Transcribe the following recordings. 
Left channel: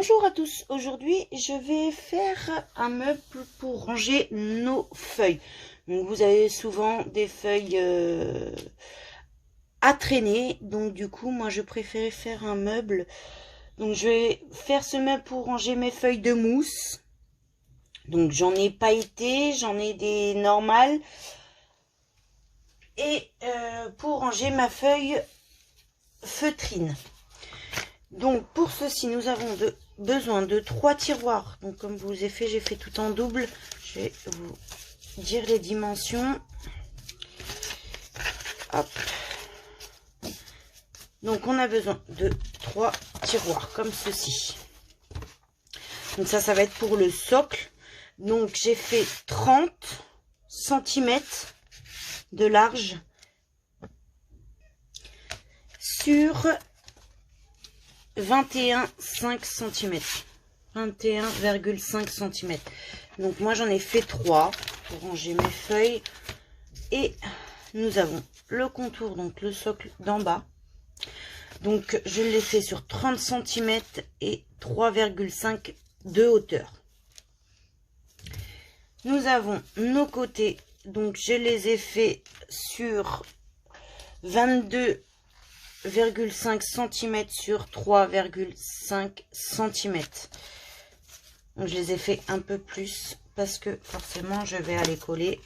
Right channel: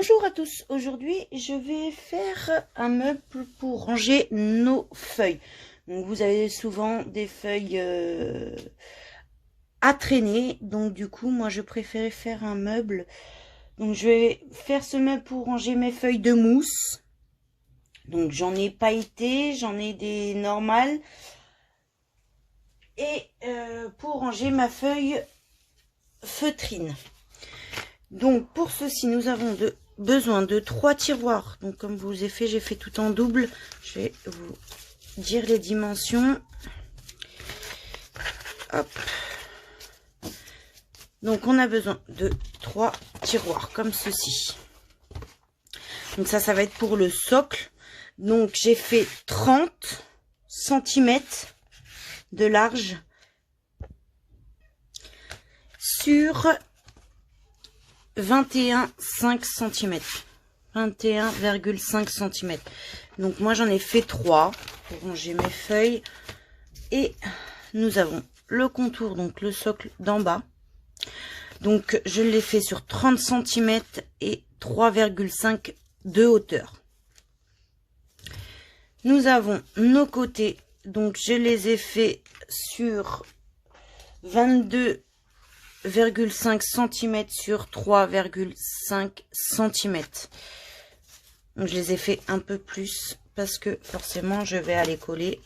Bonjour à tous, aujourd'hui je vais faire un meuble pour ranger nos feuilles. Donc vous avez souvent des feuilles à traîner, donc du coup moi je préférais faire un meuble. Donc je vais faire ce meuble pour ranger mes feuilles de mousse. Donc j'en ai pailleté, j'en ai des normales. Et pour ranger ma feuille feutrine. Donc pour ceci nous avons besoin de 3 tiroirs. Donc comme je vous ai fait, j'ai fait tout en double. Je vais vous dire les dimensions. Hop. Donc on a besoin de 3 tiroirs comme ceci. Donc ça va être pour le socle. Donc j'ai fait 30 cm de large sur 21,5 cm. 21,5 cm. Donc moi j'en ai fait 3 pour ranger mes feuilles. Et nous avons le contour, donc le socle d'en bas. Donc je l'ai fait sur 30 cm et 3,5 de hauteur. Nous avons nos côtés, donc je les ai fait sur 22,5 cm sur 3,5 cm. Donc je les ai fait un peu plus parce que forcément je vais aller coller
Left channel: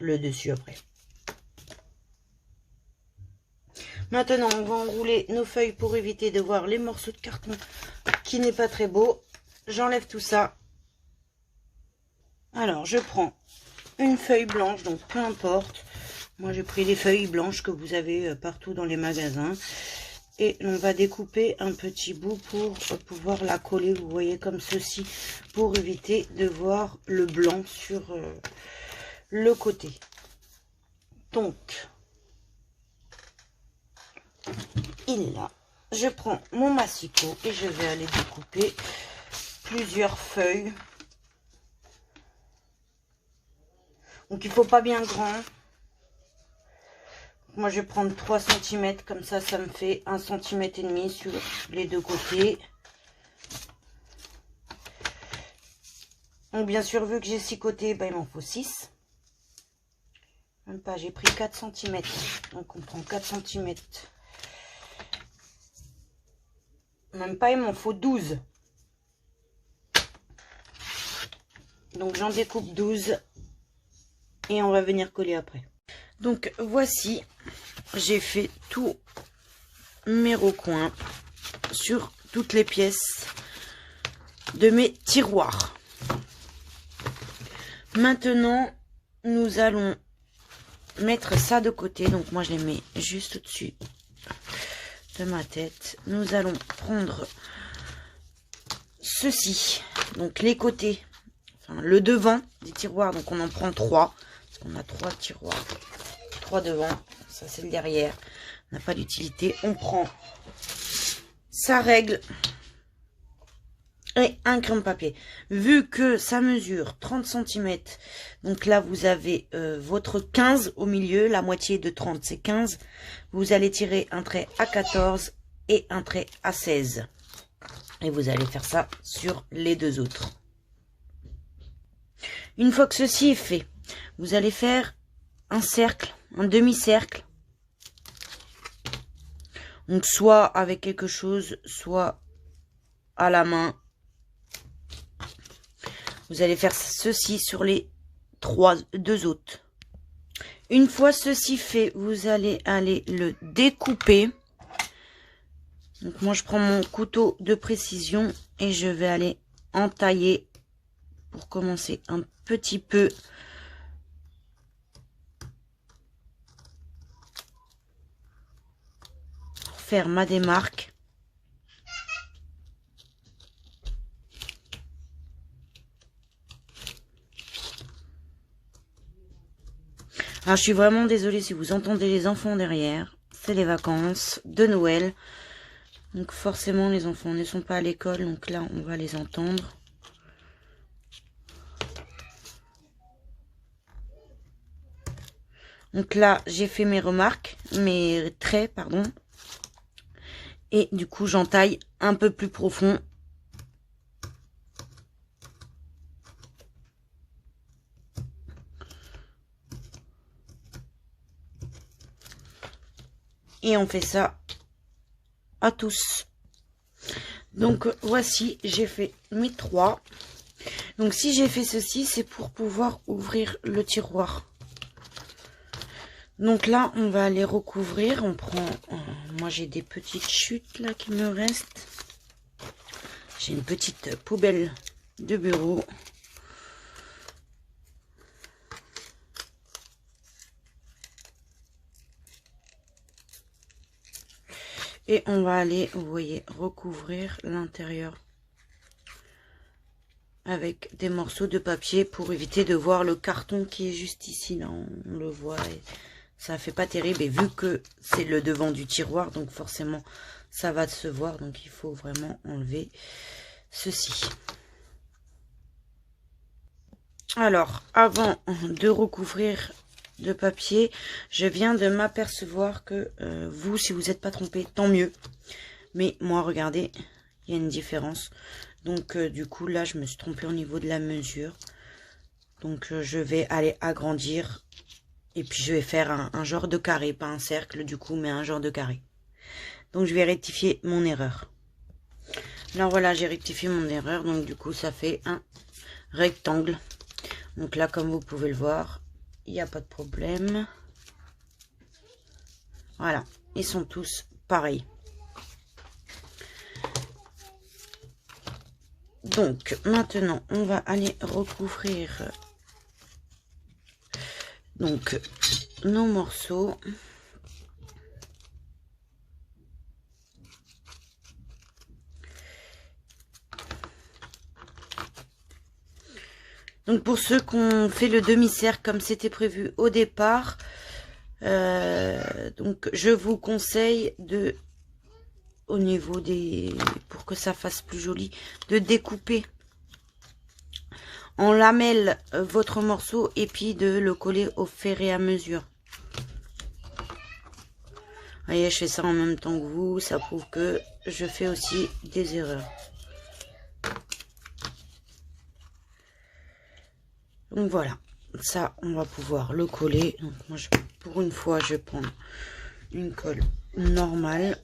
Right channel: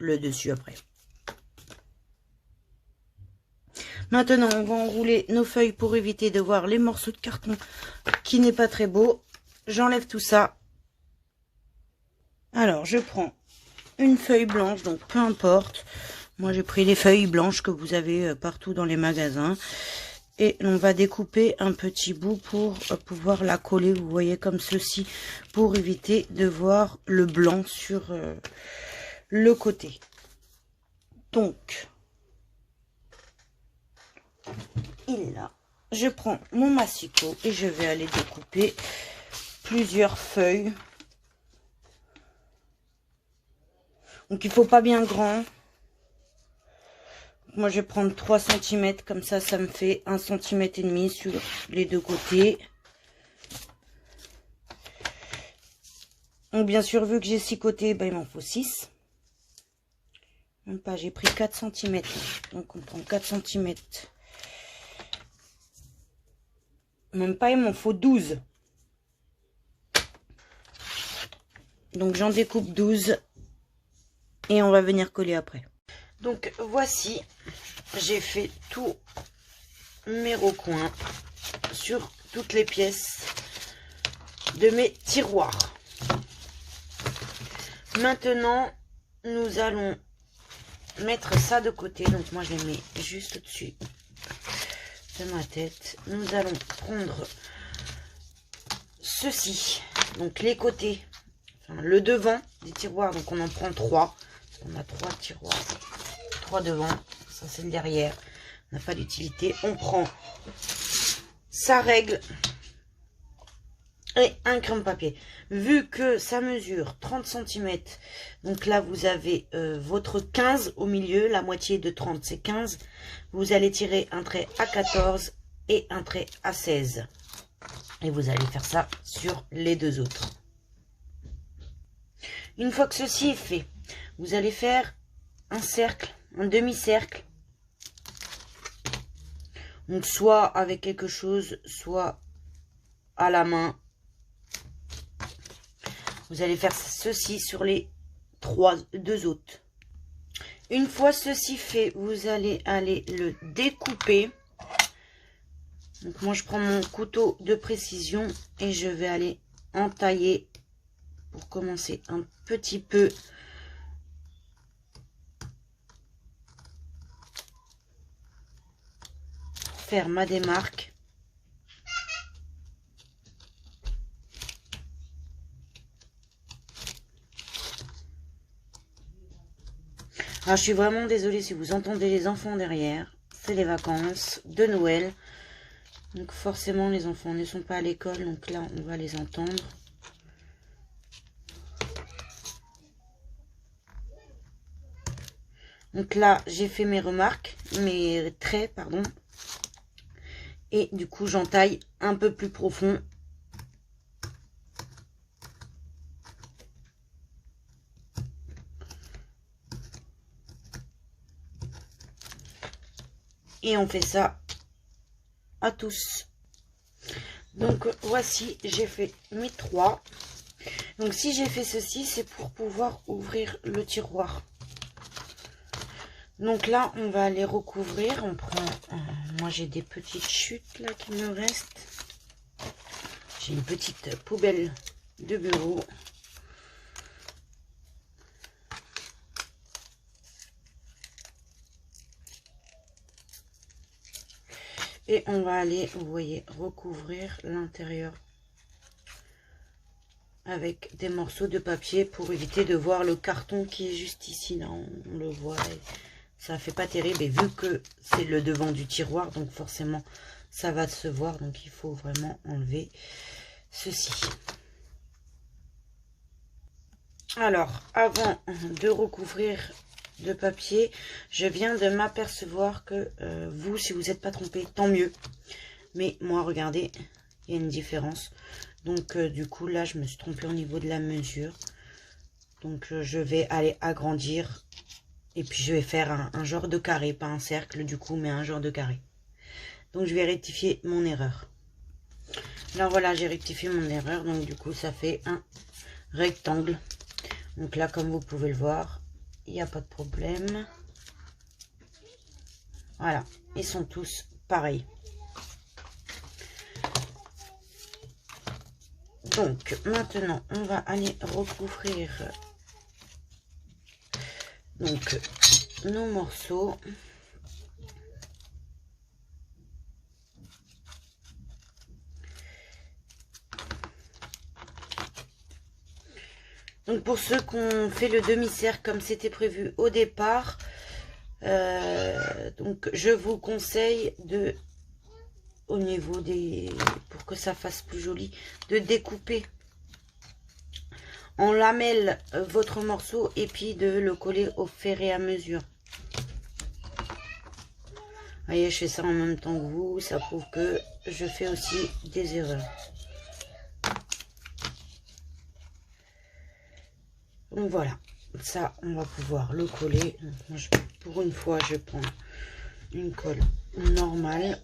le dessus après. Maintenant on va enrouler nos feuilles pour éviter de voir les morceaux de carton qui n'est pas très beau. J'enlève tout ça. Alors je prends une feuille blanche, donc peu importe. Moi j'ai pris les feuilles blanches que vous avez partout dans les magasins. Et on va découper un petit bout pour pouvoir la coller, vous voyez, comme ceci, pour éviter de voir le blanc sur le côté. Donc, il est là. Je prends mon massicot et je vais aller découper plusieurs feuilles. Donc il faut pas bien grand. Moi je vais prendre 3 cm, comme ça me fait 1,5 cm sur les deux côtés. Donc bien sûr, vu que j'ai 6 côtés, ben, il m'en faut 6. Même pas, j'ai pris 4 cm. Donc on prend 4 cm. Même pas, il m'en faut 12. Donc j'en découpe 12. Et on va venir coller après. Donc voici, j'ai fait tous mes recoins sur toutes les pièces de mes tiroirs. Maintenant, nous allons mettre ça de côté. Donc moi, je les mets juste au-dessus de ma tête. Nous allons prendre ceci, donc les côtés, enfin, le devant des tiroirs. Donc on en prend 3. On a 3 tiroirs, 3 devant, ça c'est le derrière, on n'a pas d'utilité. On prend sa règle et un crème-papier. Vu que ça mesure 30 cm, donc là vous avez votre 15 au milieu, la moitié de 30 c'est 15. Vous allez tirer un trait à 14 et un trait à 16. Et vous allez faire ça sur les deux autres. Une fois que ceci est fait, vous allez faire un cercle, un demi-cercle. Donc soit avec quelque chose, soit à la main. Vous allez faire ceci sur les deux autres. Une fois ceci fait, vous allez aller le découper. Donc moi je prends mon couteau de précision et je vais aller entailler pour commencer un petit peu. Faire ma démarque. Alors je suis vraiment désolée si vous entendez les enfants derrière. C'est les vacances de Noël. Donc forcément les enfants ne sont pas à l'école. Donc là on va les entendre. Donc là j'ai fait mes remarques. Mes traits pardon. Et du coup j'entaille un peu plus profond Et on fait ça à tous. Donc voici, j'ai fait mes 3. Donc si j'ai fait ceci, c'est pour pouvoir ouvrir le tiroir. Donc là, on va aller recouvrir. On prend, moi j'ai des petites chutes là qui me restent. J'ai une petite poubelle de bureau. Et on va aller, vous voyez, recouvrir l'intérieur avec des morceaux de papier pour éviter de voir le carton qui est juste ici. Là, on le voit. Et ça fait pas terrible. Et vu que c'est le devant du tiroir, donc forcément, ça va se voir. Donc, il faut vraiment enlever ceci. Alors, avant de recouvrir de papier, je viens de m'apercevoir que vous, si vous n'êtes pas trompé, tant mieux. Mais moi, regardez, il y a une différence. Donc, du coup, là, je me suis trompée au niveau de la mesure. Donc, je vais aller agrandir. Et puis, je vais faire un genre de carré, pas un cercle, du coup, mais un genre de carré. Donc, je vais rectifier mon erreur. Alors, voilà, j'ai rectifié mon erreur. Donc, du coup, ça fait un rectangle. Donc là, comme vous pouvez le voir, il n'y a pas de problème. Voilà, ils sont tous pareils. Donc, maintenant, on va aller recouvrir donc nos morceaux. Donc, pour ceux qui ont fait le demi-cercle comme c'était prévu au départ, donc je vous conseille de, au niveau des, pour que ça fasse plus joli, de découper en lamelles votre morceau et puis de le coller au fur et à mesure. Vous voyez, je fais ça en même temps que vous, ça prouve que je fais aussi des erreurs. Donc voilà, ça on va pouvoir le coller. Donc moi, pour une fois, je vais prendre une colle normale.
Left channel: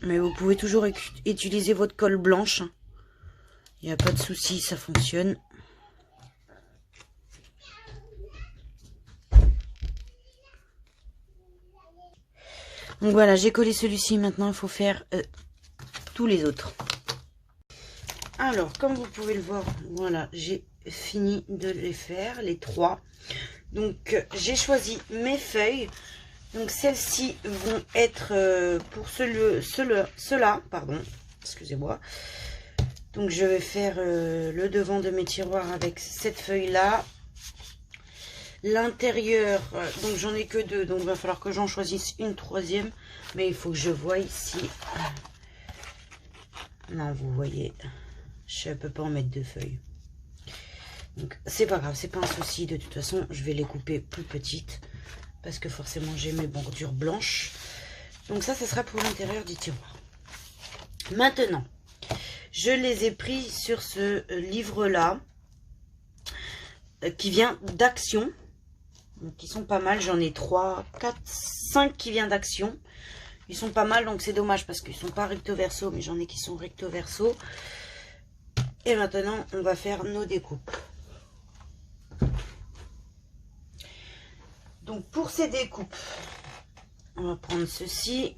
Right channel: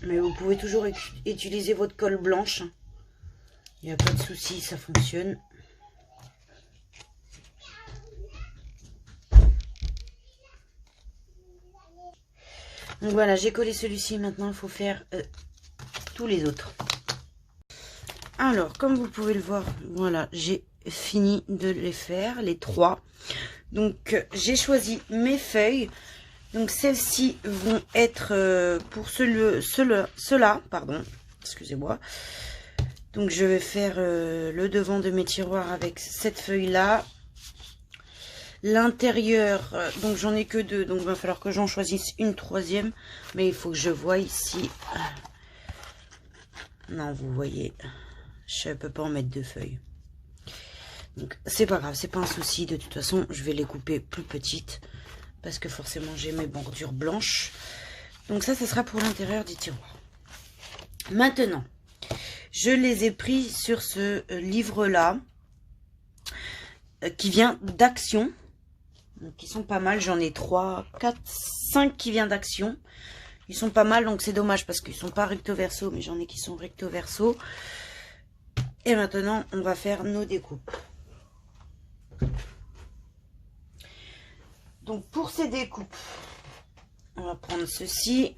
Mais vous pouvez toujours utiliser votre colle blanche. Il n'y a pas de souci, ça fonctionne. Donc voilà, j'ai collé celui-ci. Maintenant, il faut faire tous les autres. Alors, comme vous pouvez le voir, voilà, j'ai fini de les faire, les 3. Donc, j'ai choisi mes feuilles. Donc, celles-ci vont être pour ceux-là, pardon, excusez-moi. Donc, je vais faire le devant de mes tiroirs avec cette feuille-là. L'intérieur, donc j'en ai que 2, donc il va falloir que j'en choisisse une 3e. Mais il faut que je voie ici. Non, vous voyez, je ne peux pas en mettre 2 feuilles. Donc, c'est pas grave, c'est pas un souci. De toute façon, je vais les couper plus petites. Parce que forcément, j'ai mes bordures blanches. Donc ça sera pour l'intérieur du tiroir. Maintenant, je les ai pris sur ce livre-là. Qui vient d'Action. Donc, ils sont pas mal. J'en ai 3, 4, 5 qui viennent d'Action. Ils sont pas mal, donc c'est dommage parce qu'ils sont pas recto verso, mais j'en ai qui sont recto verso. Et maintenant, on va faire nos découpes. Donc, pour ces découpes, on va prendre ceci.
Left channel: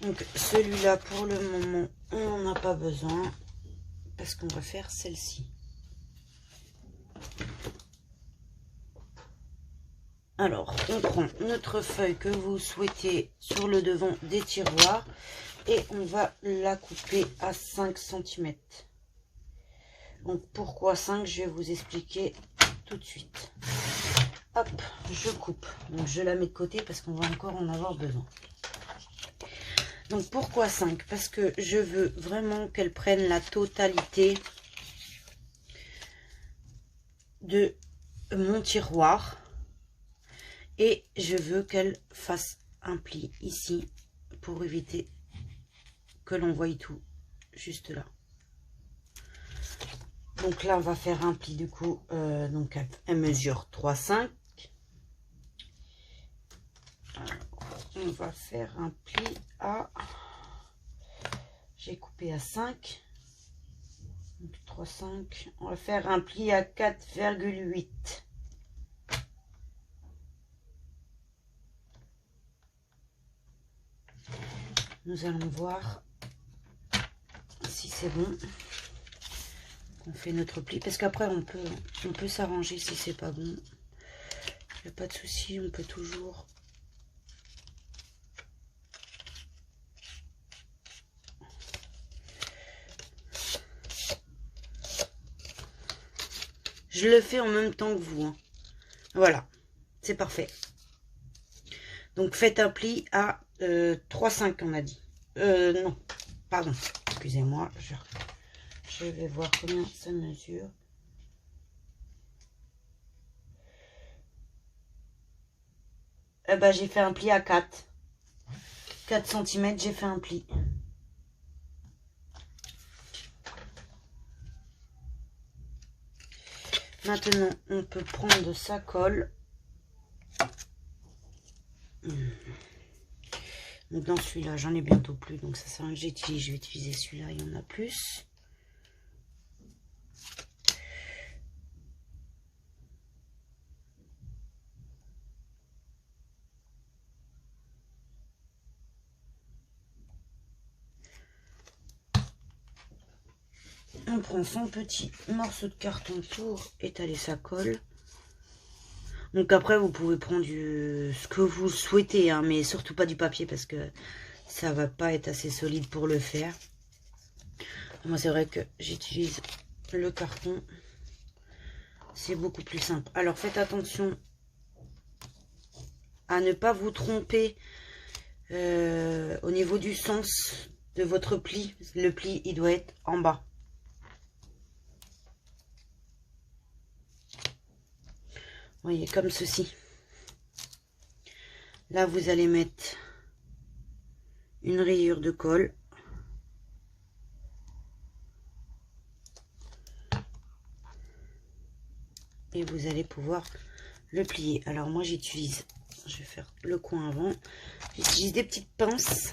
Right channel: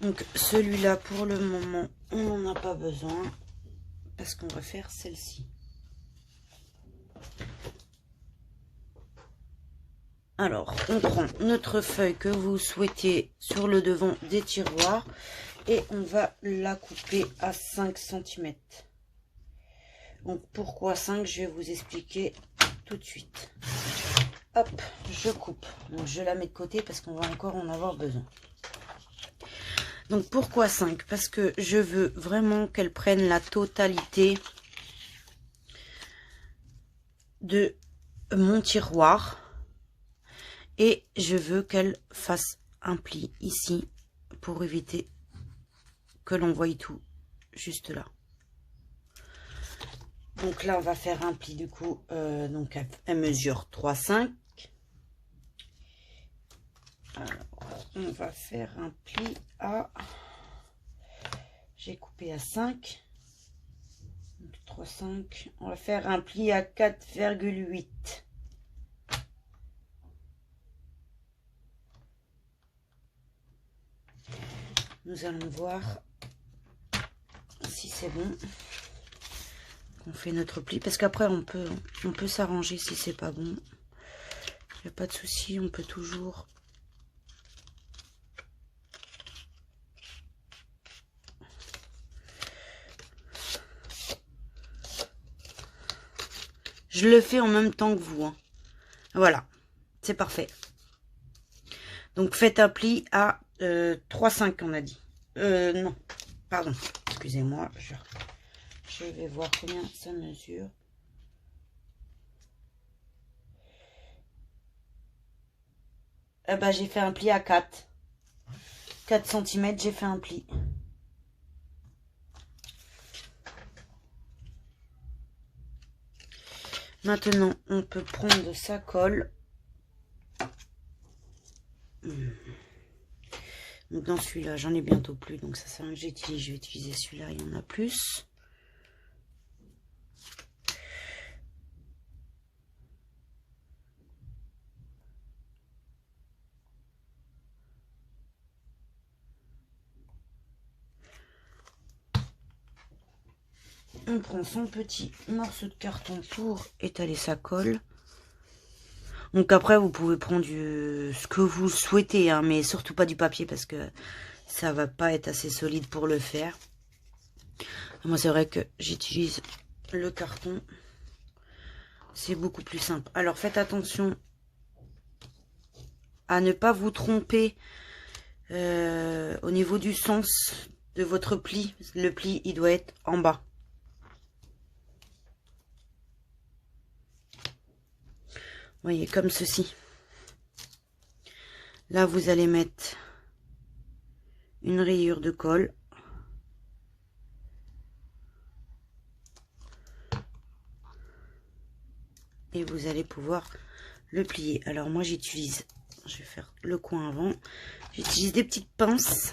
Donc, celui-là, pour le moment, on n'en a pas besoin parce qu'on va faire celle-ci. Alors, on prend notre feuille que vous souhaitez sur le devant des tiroirs et on va la couper à 5 cm. Donc, pourquoi 5? Je vais vous expliquer tout de suite. Hop, je coupe. Donc, je la mets de côté parce qu'on va encore en avoir besoin. Donc, pourquoi 5? Parce que je veux vraiment qu'elle prenne la totalité de mon tiroir. Et je veux qu'elle fasse un pli ici pour éviter que l'on voie tout juste là. Donc là, on va faire un pli du coup. Donc elle mesure 3,5. Alors, on va faire un pli à... J'ai coupé à 5. 3, 5. On va faire un pli à 4,8. Nous allons voir si c'est bon. On fait notre pli parce qu'après on peut s'arranger si c'est pas bon. Il n'y a pas de souci, on peut toujours. Je le fais en même temps que vous, hein. Voilà, c'est parfait. Donc faites un pli à 3,5 on a dit. Non, pardon, excusez-moi, je vais voir combien ça mesure. J'ai fait un pli à 4. 4 cm, j'ai fait un pli. Maintenant, on peut prendre sa colle. Donc dans celui-là, j'en ai bientôt plus, donc ça sert à rien que j'utilise. Je vais utiliser celui-là, il y en a plus. On prend son petit morceau de carton pour étaler sa colle. Donc après, vous pouvez prendre ce que vous souhaitez, hein, mais surtout pas du papier parce que ça va pas être assez solide pour le faire. Moi, c'est vrai que j'utilise le carton. C'est beaucoup plus simple. Alors, faites attention à ne pas vous tromper au niveau du sens de votre pli. Le pli, il doit être en bas. Vous voyez, comme ceci. Là, vous allez mettre une rayure de colle. Et vous allez pouvoir le plier. Alors moi, j'utilise, je vais faire le coin avant. J'utilise des petites pinces.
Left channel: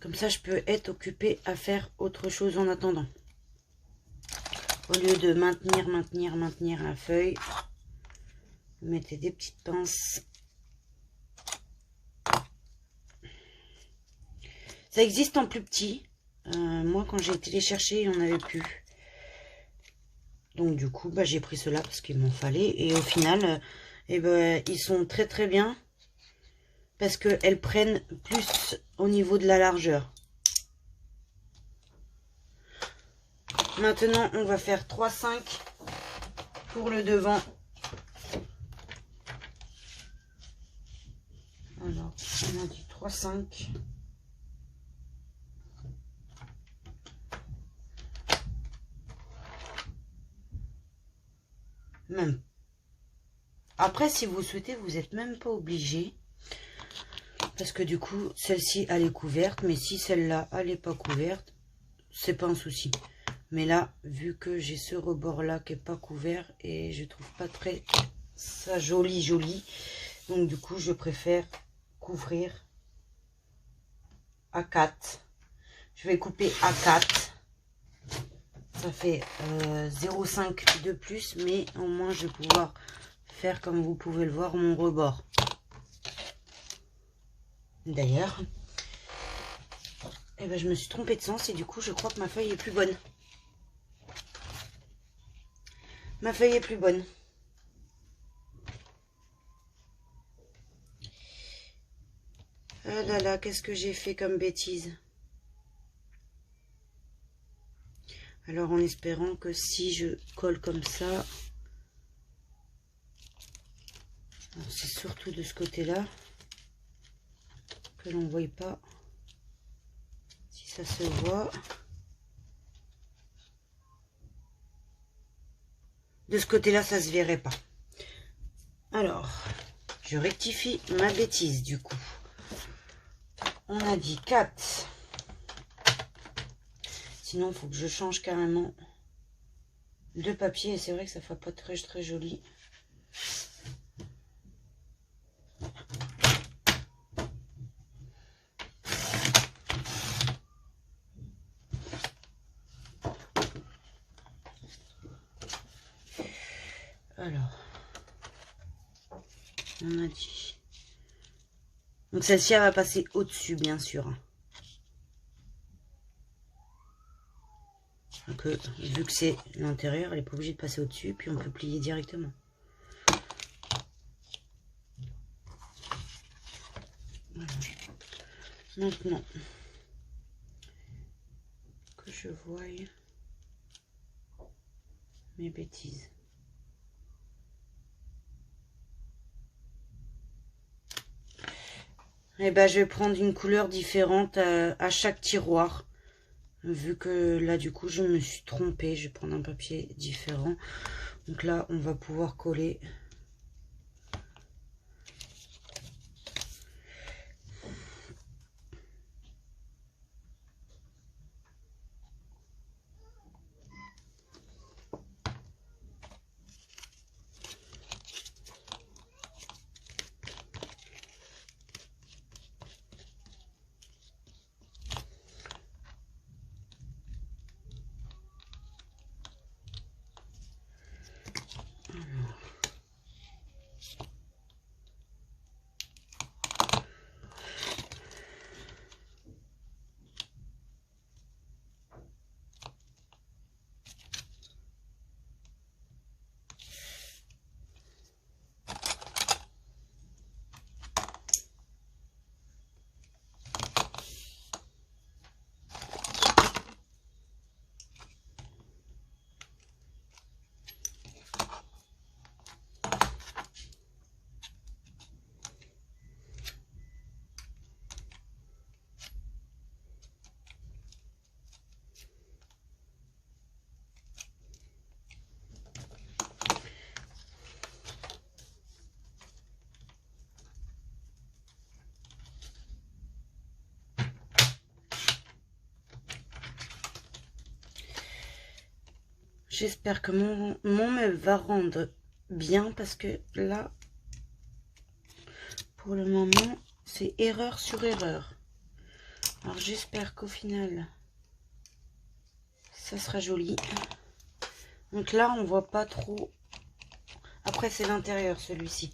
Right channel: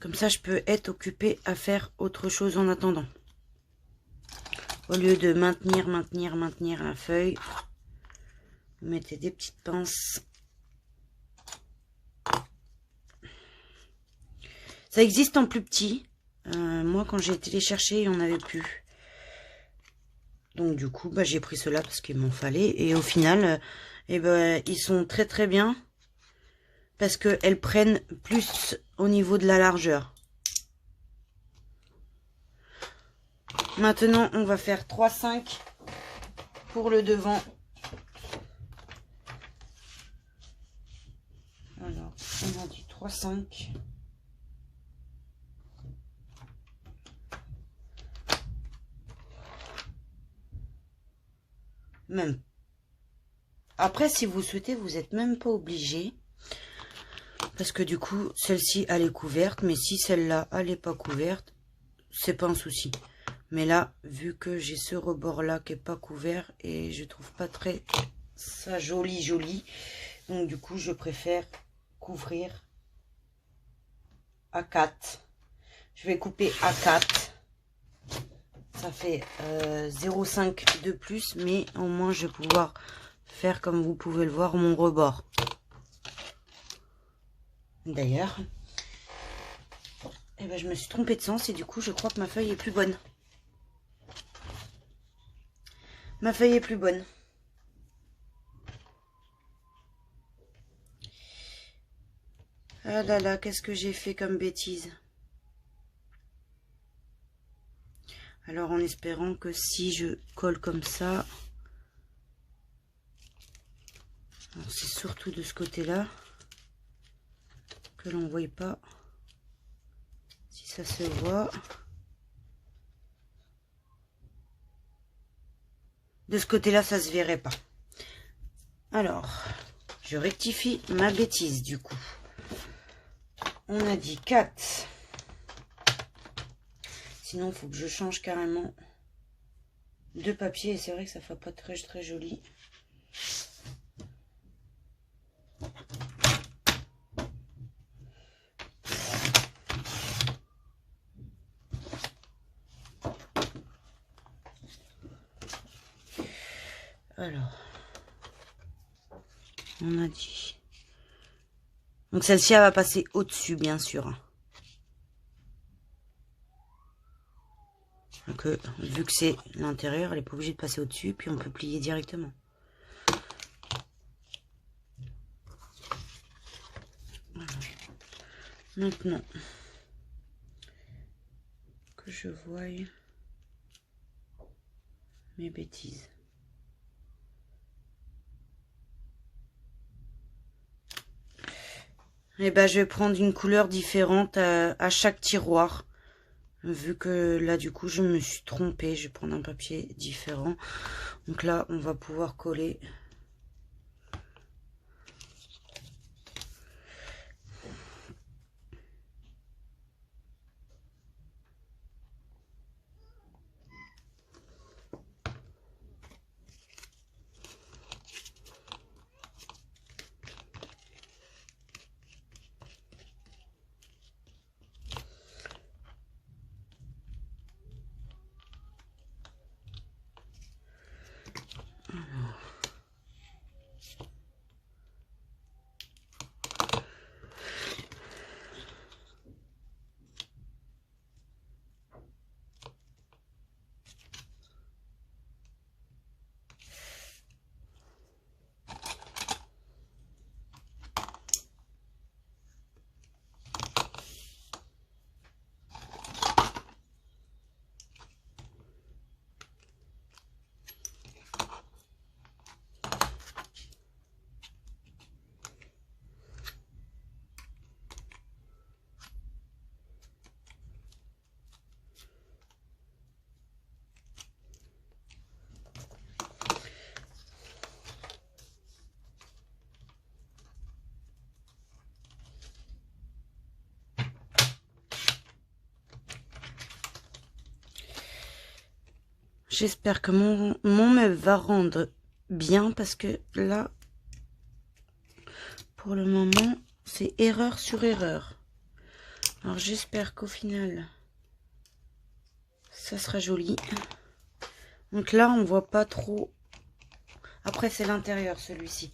Comme ça, je peux être occupée à faire autre chose en attendant. Au lieu de maintenir la feuille, vous mettez des petites pinces. Ça existe en plus petit. Moi, quand j'ai été les chercher, il n'y en avait plus. Donc, du coup, j'ai pris cela parce qu'il m'en fallait. Et au final, ils sont très très bien. Parce qu'elles prennent plus au niveau de la largeur. Maintenant, on va faire 3,5 pour le devant. Alors, on a dit 3,5. Même. Après, si vous souhaitez, vous n'êtes même pas obligé. Parce que du coup, celle-ci, elle est couverte. Mais si celle-là, elle n'est pas couverte, c'est pas un souci. Mais là, vu que j'ai ce rebord-là qui n'est pas couvert, et je trouve pas très ça joli. Donc du coup, je préfère couvrir à 4. Je vais couper à 4. Ça fait 0,5 de plus, mais au moins je vais pouvoir faire, comme vous pouvez le voir, mon rebord. D'ailleurs, je me suis trompée de sens et du coup, je crois que ma feuille est plus bonne. Ma feuille est plus bonne. Ah là là, qu'est-ce que j'ai fait comme bêtise. Alors, en espérant que si je colle comme ça, c'est surtout de ce côté-là que l'on ne voit pas si ça se voit. De ce côté-là, ça se verrait pas. Alors, je rectifie ma bêtise du coup. On a dit 4. Sinon, il faut que je change carrément de papier. Et c'est vrai que ça ne fait pas très joli. Alors, on a dit. Donc celle-ci, elle va passer au-dessus, bien sûr. Donc, vu que c'est l'intérieur, elle n'est pas obligée de passer au-dessus, puis on peut plier directement. Voilà. Maintenant, que je voie mes bêtises. Et ben, je vais prendre une couleur différente à chaque tiroir. Vu que là, du coup, je me suis trompée. Je vais prendre un papier différent. Donc là, on va pouvoir coller. J'espère que mon meuble va rendre bien parce que là, pour le moment, c'est erreur sur erreur. Alors j'espère qu'au final, ça sera joli. Donc là, on voit pas trop. Après, c'est l'intérieur celui-ci.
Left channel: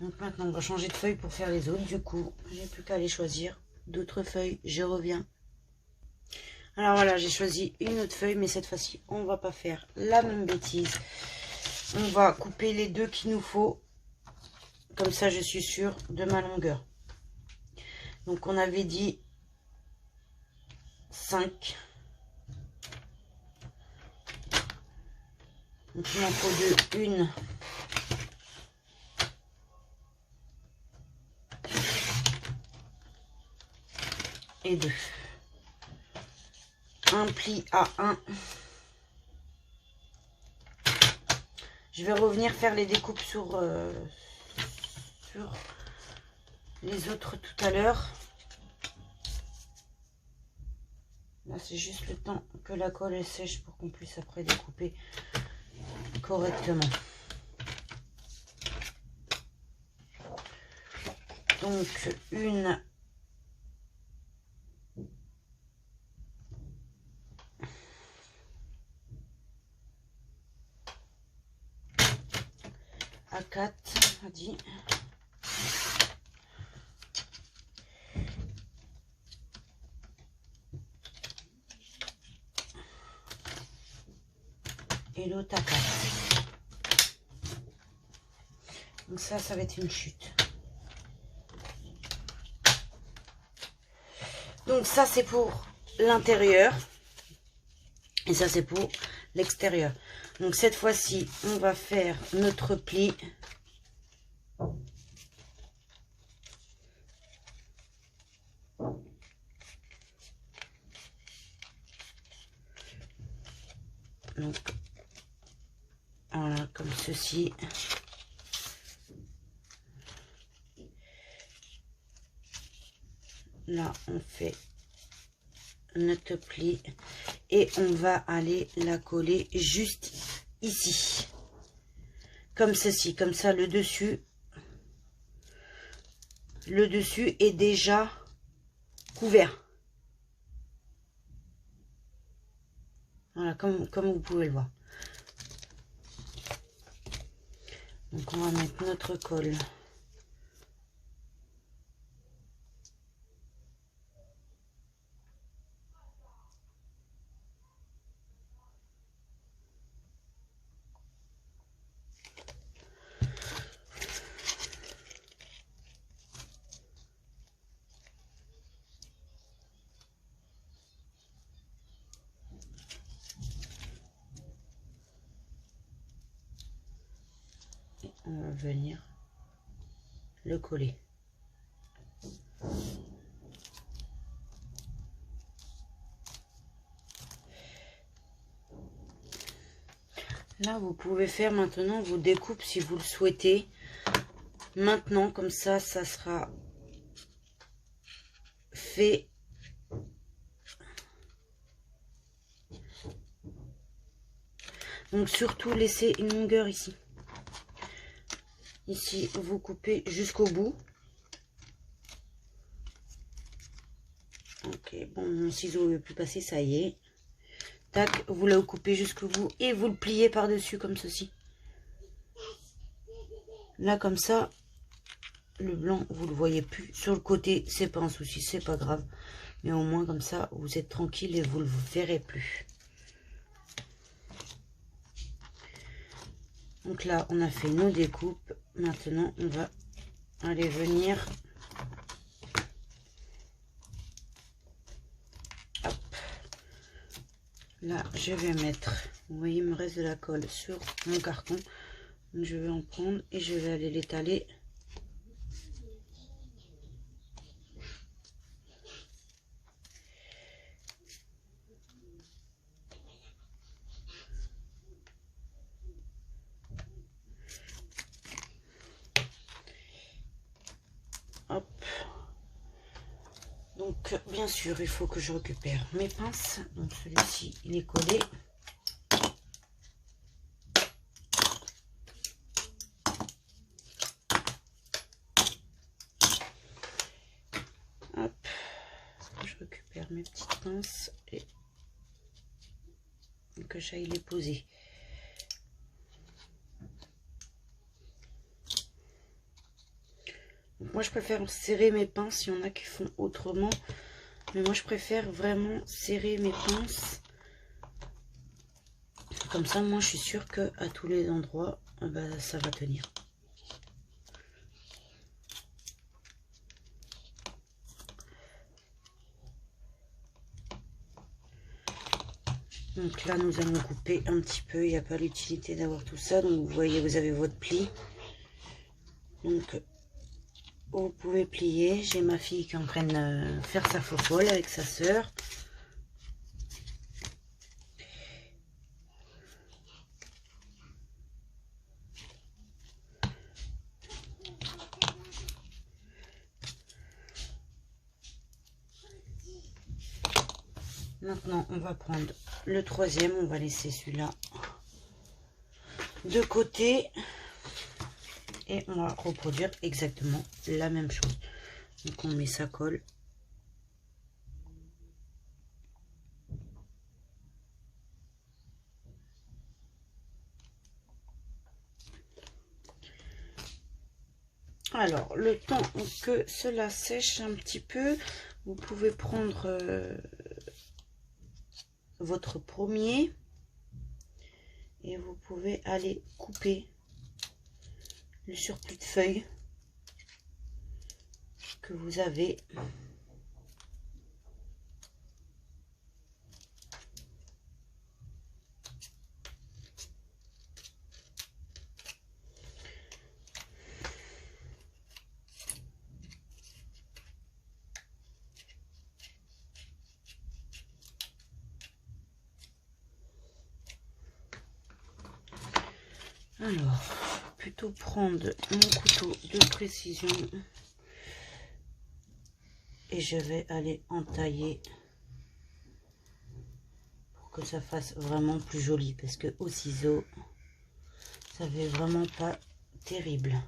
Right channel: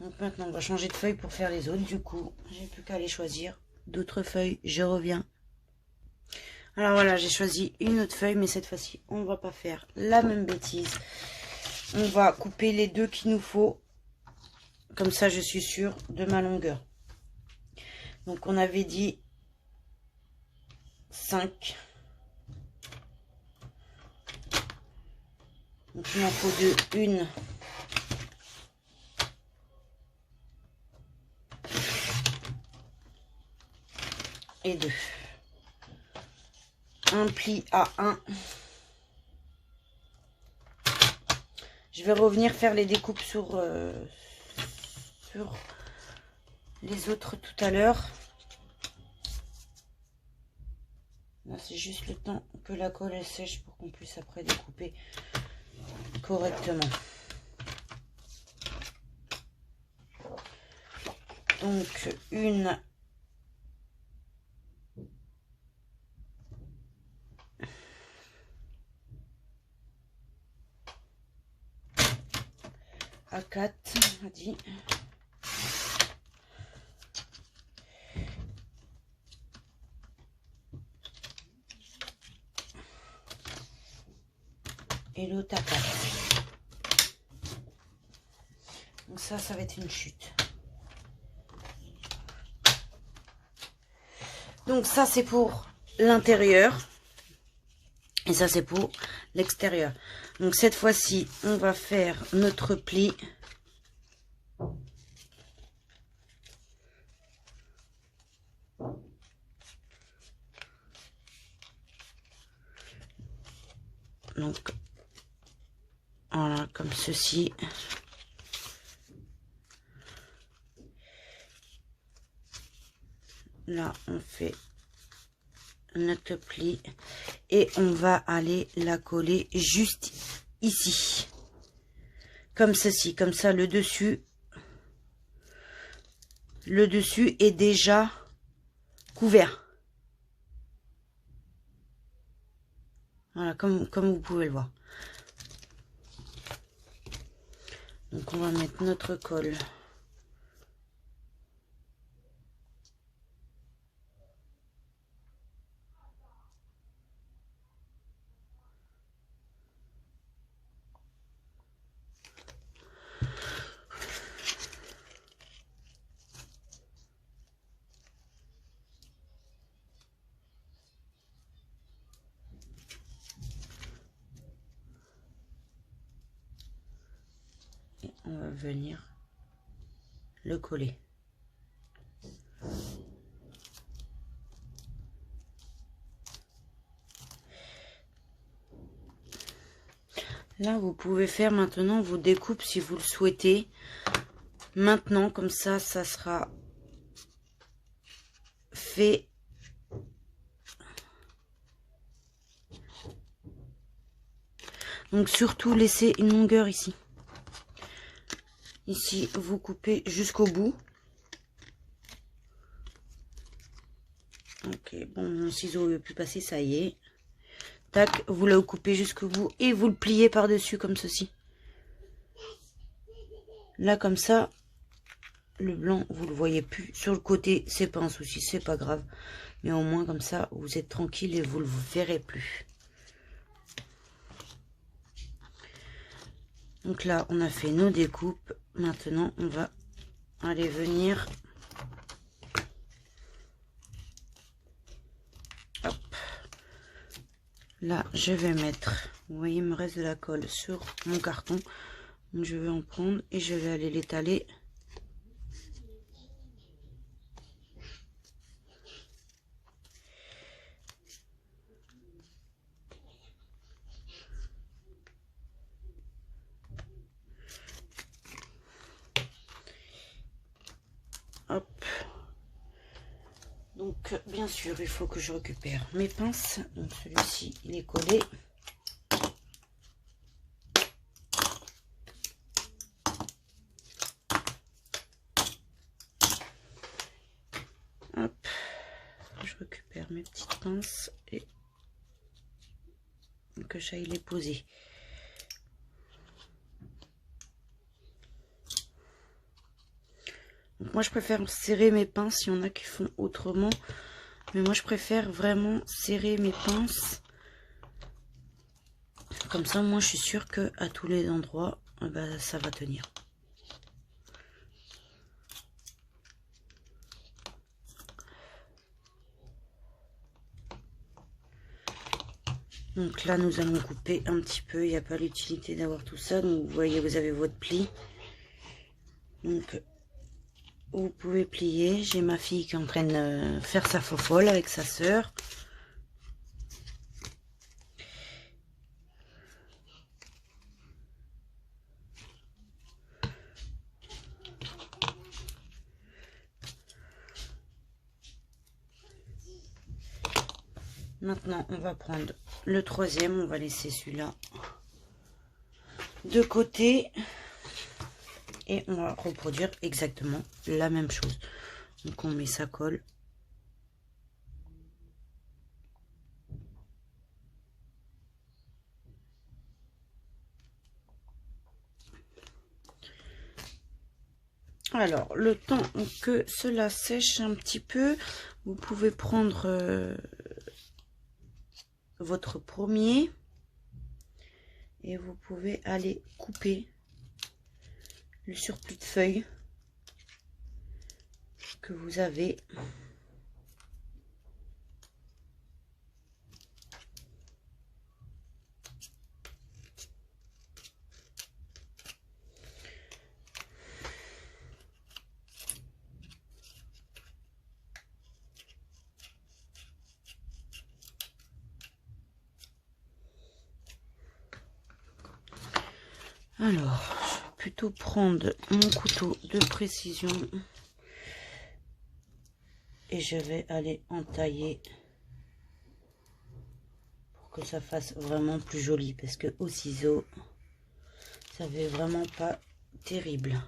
Donc maintenant, on va changer de feuille pour faire les autres. Du coup, j'ai plus qu'à aller choisir d'autres feuilles. Je reviens. Alors voilà, j'ai choisi une autre feuille, mais cette fois-ci, on va pas faire la même bêtise. On va couper les deux qu'il nous faut. Comme ça, je suis sûre de ma longueur. Donc, on avait dit 5. Donc, il m'en faut deux. Une. Et deux. Un pli à 1. Je vais revenir faire les découpes sur les autres tout à l'heure. Là, c'est juste le temps que la colle elle sèche pour qu'on puisse après découper correctement. Donc, une. À 4, on a dit. Et l'autre à 4. Donc ça va être une chute. Donc ça, c'est pour l'intérieur. Et ça, c'est pour l'extérieur. Donc cette fois-ci, on va faire notre pli. Donc, voilà, comme ceci. Là, on fait notre pli et on va aller la coller juste ici. Comme ceci, comme ça, le dessus est déjà couvert. Voilà, comme vous pouvez le voir. Donc on va mettre notre colle. Et on va venir le coller. Là, vous pouvez faire maintenant vos découpes si vous le souhaitez. Maintenant, comme ça sera fait. Donc, surtout, laissez une longueur ici. Ici, vous coupez jusqu'au bout. Ok, bon, mon ciseau ne veut plus passer, ça y est. Tac, vous le coupez jusqu'au bout et vous le pliez par-dessus comme ceci. Là, comme ça, le blanc, vous le voyez plus. Sur le côté, c'est pas un souci, c'est pas grave. Mais au moins, comme ça, vous êtes tranquille et vous le verrez plus. Donc là, on a fait nos découpes. Maintenant, on va aller venir. Hop. Là, je vais mettre, vous voyez, il me reste de la colle sur mon carton. Donc, je vais en prendre et je vais aller l'étaler. Hop. Donc, bien sûr, il faut que je récupère mes pinces. Donc, celui-ci, il est collé. Hop. Je récupère mes petites pinces et que j'aille les poser. Donc, moi, je préfère serrer mes pinces. Il y en a qui font autrement. Mais moi, je préfère vraiment serrer mes pinces. Comme ça, moi, je suis sûre que à tous les endroits, ben, ça va tenir. Donc là, nous allons couper un petit peu. Il n'y a pas l'utilité d'avoir tout ça. Donc, vous voyez, vous avez votre pli. Donc, vous pouvez plier. J'ai ma fille qui est en train de faire sa fofolle avec sa sœur. Maintenant, on va prendre le troisième. On va laisser celui-là de côté. Et on va reproduire exactement la même chose. Donc, on met sa colle. Alors, le temps que cela sèche un petit peu, vous pouvez prendre votre premier et vous pouvez aller couper le surplus de feuilles que vous avez. Alors, je vais plutôt prendre mon couteau de précision et je vais aller entailler pour que ça fasse vraiment plus joli, parce que au ciseau, ça fait vraiment pas terrible.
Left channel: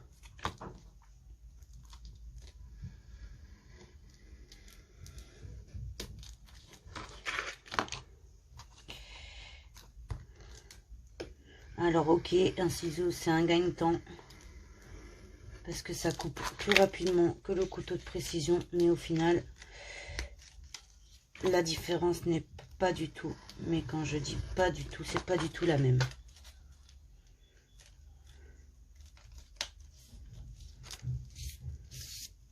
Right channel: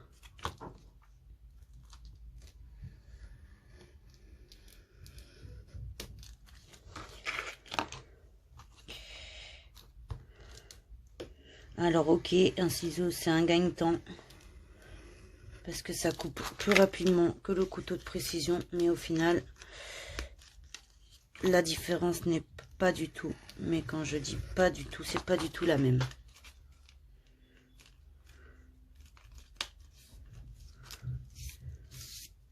Alors ok, un ciseau c'est un gagne-temps, parce que ça coupe plus rapidement que le couteau de précision, mais au final la différence n'est pas du tout, mais quand je dis pas du tout, c'est pas du tout la même.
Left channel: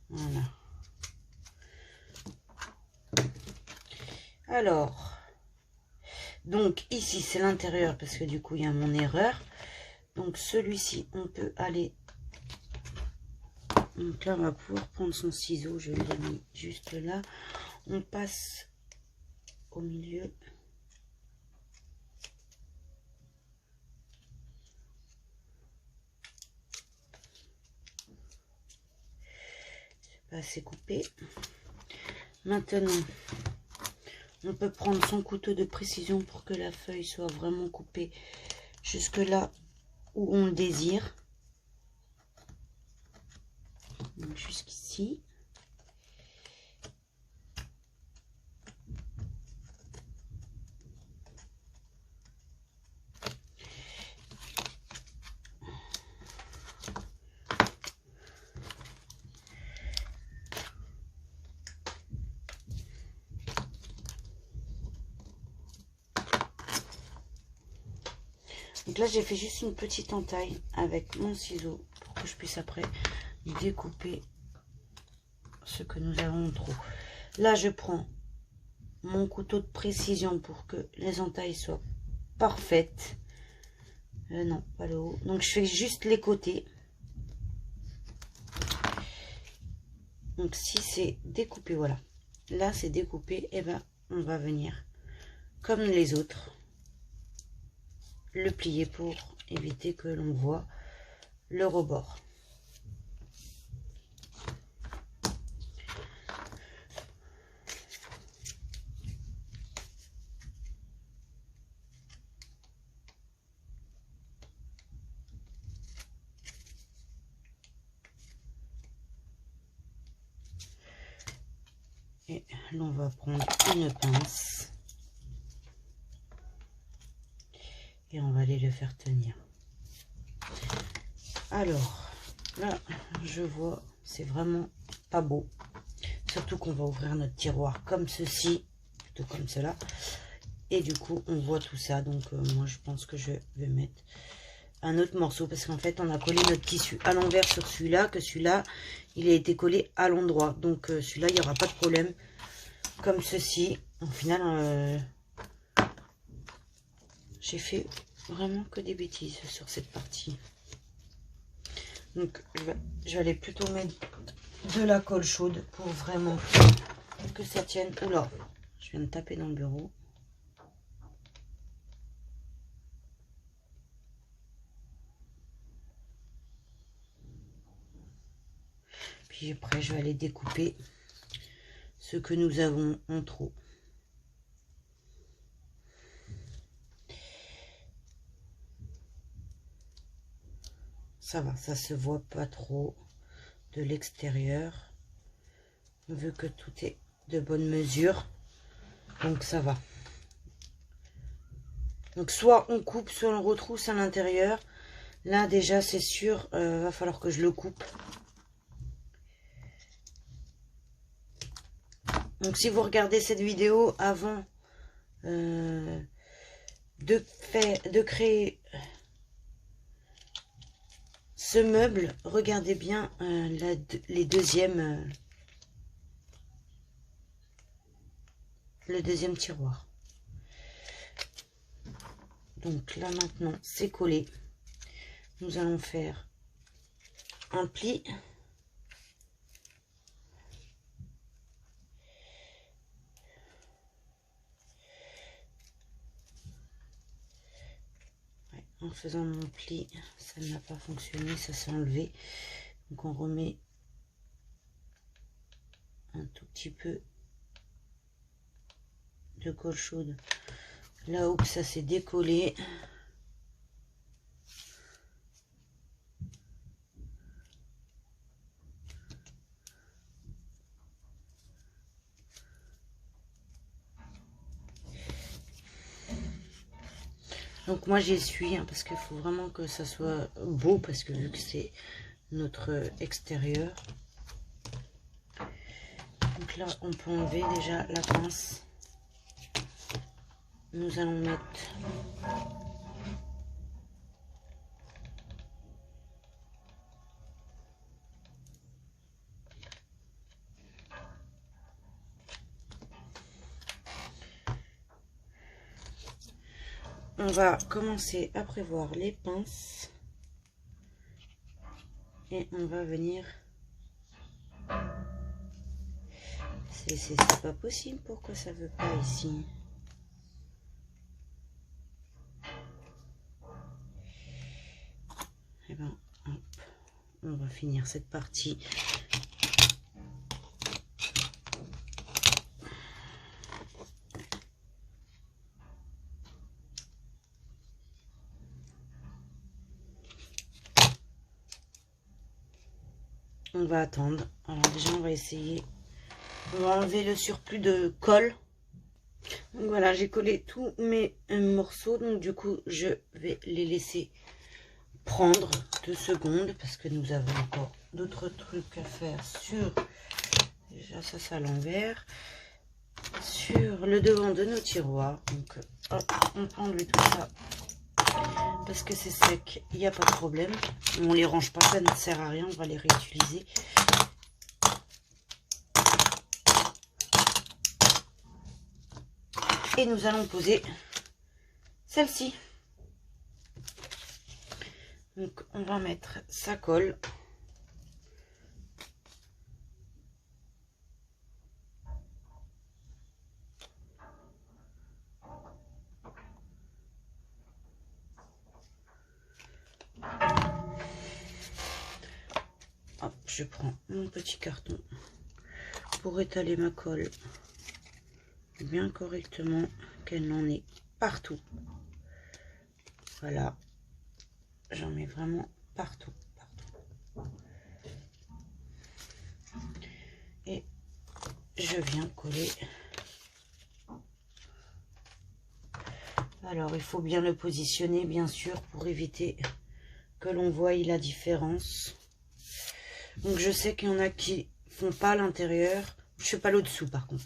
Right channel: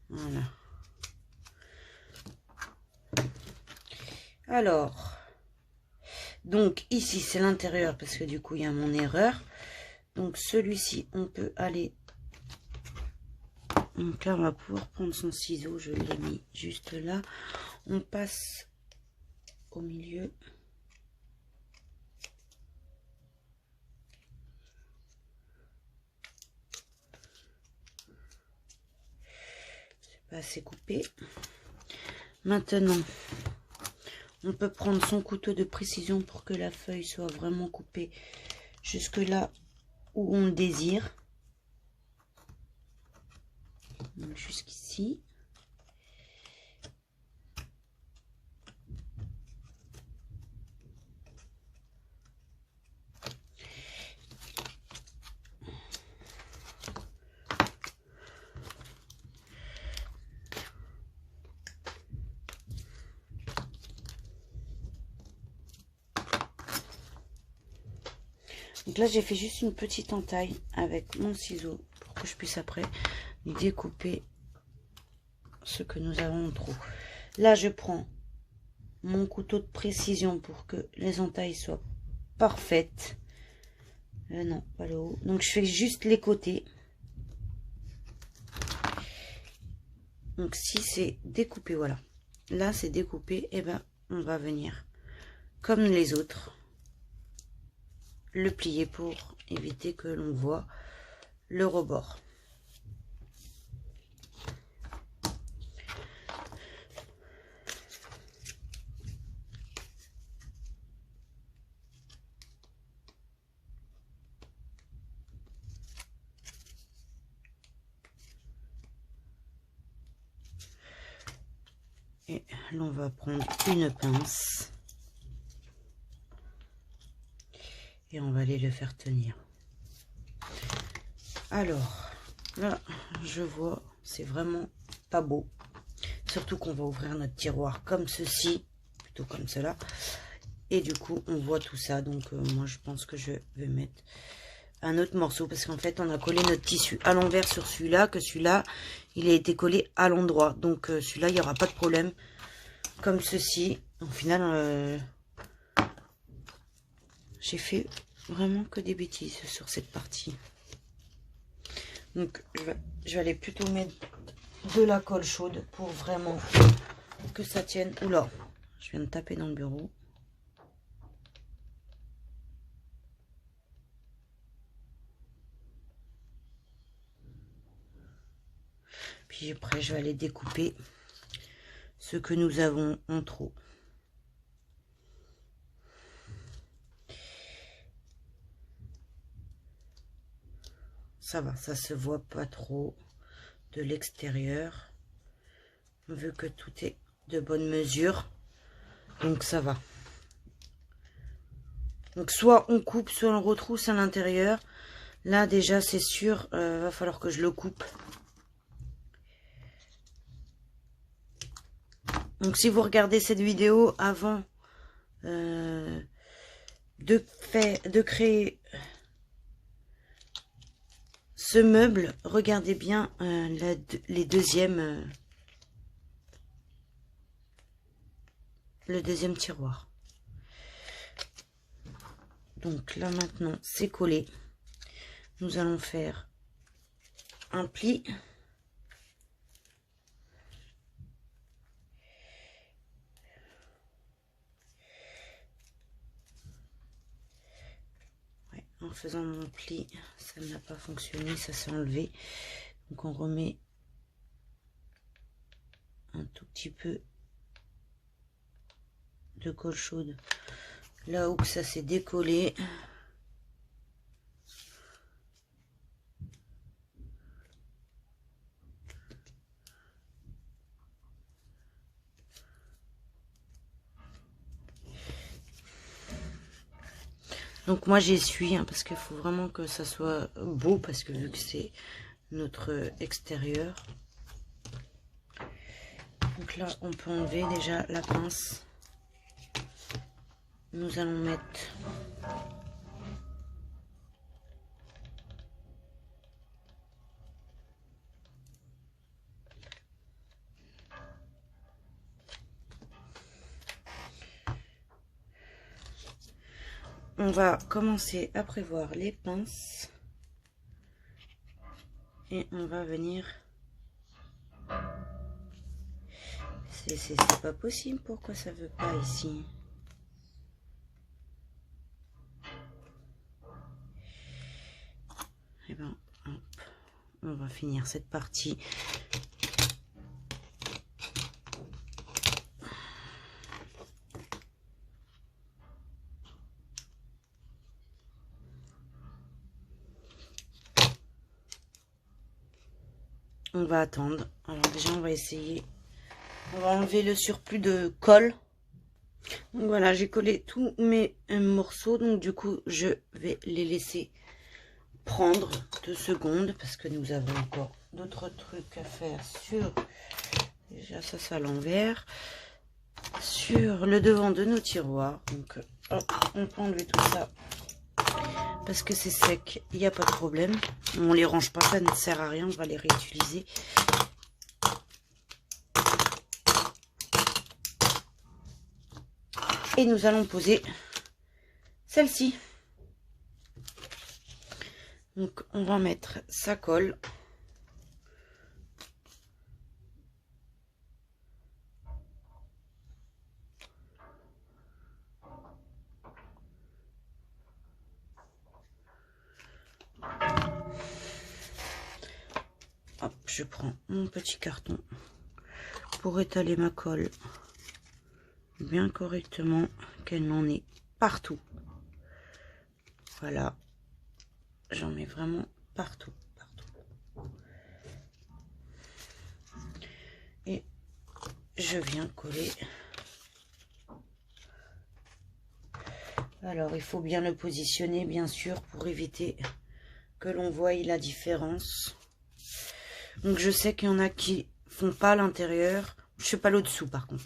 Voilà. Alors, donc ici c'est l'intérieur parce que du coup il y a mon erreur. Donc celui-ci on peut aller. Donc là on va pouvoir prendre son ciseau, je l'ai mis juste là. On passe au milieu. C'est pas assez coupé. Maintenant, on peut prendre son couteau de précision pour que la feuille soit vraiment coupée jusque là où on le désire. Donc jusqu'ici. Donc là, j'ai fait juste une petite entaille avec mon ciseau pour que je puisse après découper ce que nous avons en trop. Là, je prends mon couteau de précision pour que les entailles soient parfaites. Non, pas le haut. Donc, je fais juste les côtés. Donc, si c'est découpé, voilà. Là, c'est découpé, et ben, on va venir, comme les autres, le plier pour éviter que l'on voit le rebord. Et l'on va prendre une pince et on va aller le faire tenir. Alors là, je vois, c'est vraiment pas beau, surtout qu'on va ouvrir notre tiroir comme ceci, plutôt comme cela, et du coup on voit tout ça. Donc moi je pense que je vais mettre un autre morceau, parce qu'en fait on a collé notre tissu à l'envers sur celui-là, que celui-là il a été collé à l'endroit, donc celui-là il n'y aura pas de problème, comme ceci. Au final j'ai fait vraiment que des bêtises sur cette partie. Donc je vais aller plutôt mettre de la colle chaude pour vraiment que ça tienne. Oula, je viens de taper dans le bureau. Puis après je vais aller découper ce que nous avons en trop. Ça va, ça se voit pas trop de l'extérieur. On veut que tout est de bonne mesure, donc ça va. Donc soit on coupe, soit on retrousse à l'intérieur. Là déjà c'est sûr, va falloir que je le coupe. Donc si vous regardez cette vidéo avant de créer ce meuble, regardez bien le deuxième tiroir. Donc là maintenant c'est collé. Nous allons faire un pli. Ouais, en faisant mon pli, ça n'a pas fonctionné, ça s'est enlevé. Donc on remet un tout petit peu de colle chaude là où ça s'est décollé. Donc moi j'essuie, hein, parce qu'il faut vraiment que ça soit beau, parce que vu que c'est notre extérieur. Donc là, on peut enlever déjà la pince. Nous allons mettre on va commencer à prévoir les pinces et on va venir. C'est pas possible, pourquoi ça veut pas ici? Et ben, hop, on va finir cette partie. On va attendre. Alors déjà, on va essayer. On va enlever le surplus de colle. Donc voilà, j'ai collé tous mes morceaux. Donc du coup, je vais les laisser prendre 2 secondes parce que nous avons encore d'autres trucs à faire sur. Déjà, ça c'est à l'envers. Sur le devant de nos tiroirs. Donc, hop, on peut enlever tout ça. Parce que c'est sec, il n'y a pas de problème. On les range pas, ça ne sert à rien, on va les réutiliser. Et nous allons poser celle-ci. Donc on va mettre sa colle. Hop, je prends mon petit carton pour étaler ma colle bien correctement, qu'elle n'en ait partout. Voilà, j'en mets vraiment partout. Et je viens coller. Alors, il faut bien le positionner, bien sûr, pour éviter que l'on voie la différence. Donc, je sais qu'il y en a qui font pas l'intérieur. Je sais pas le dessous, par contre.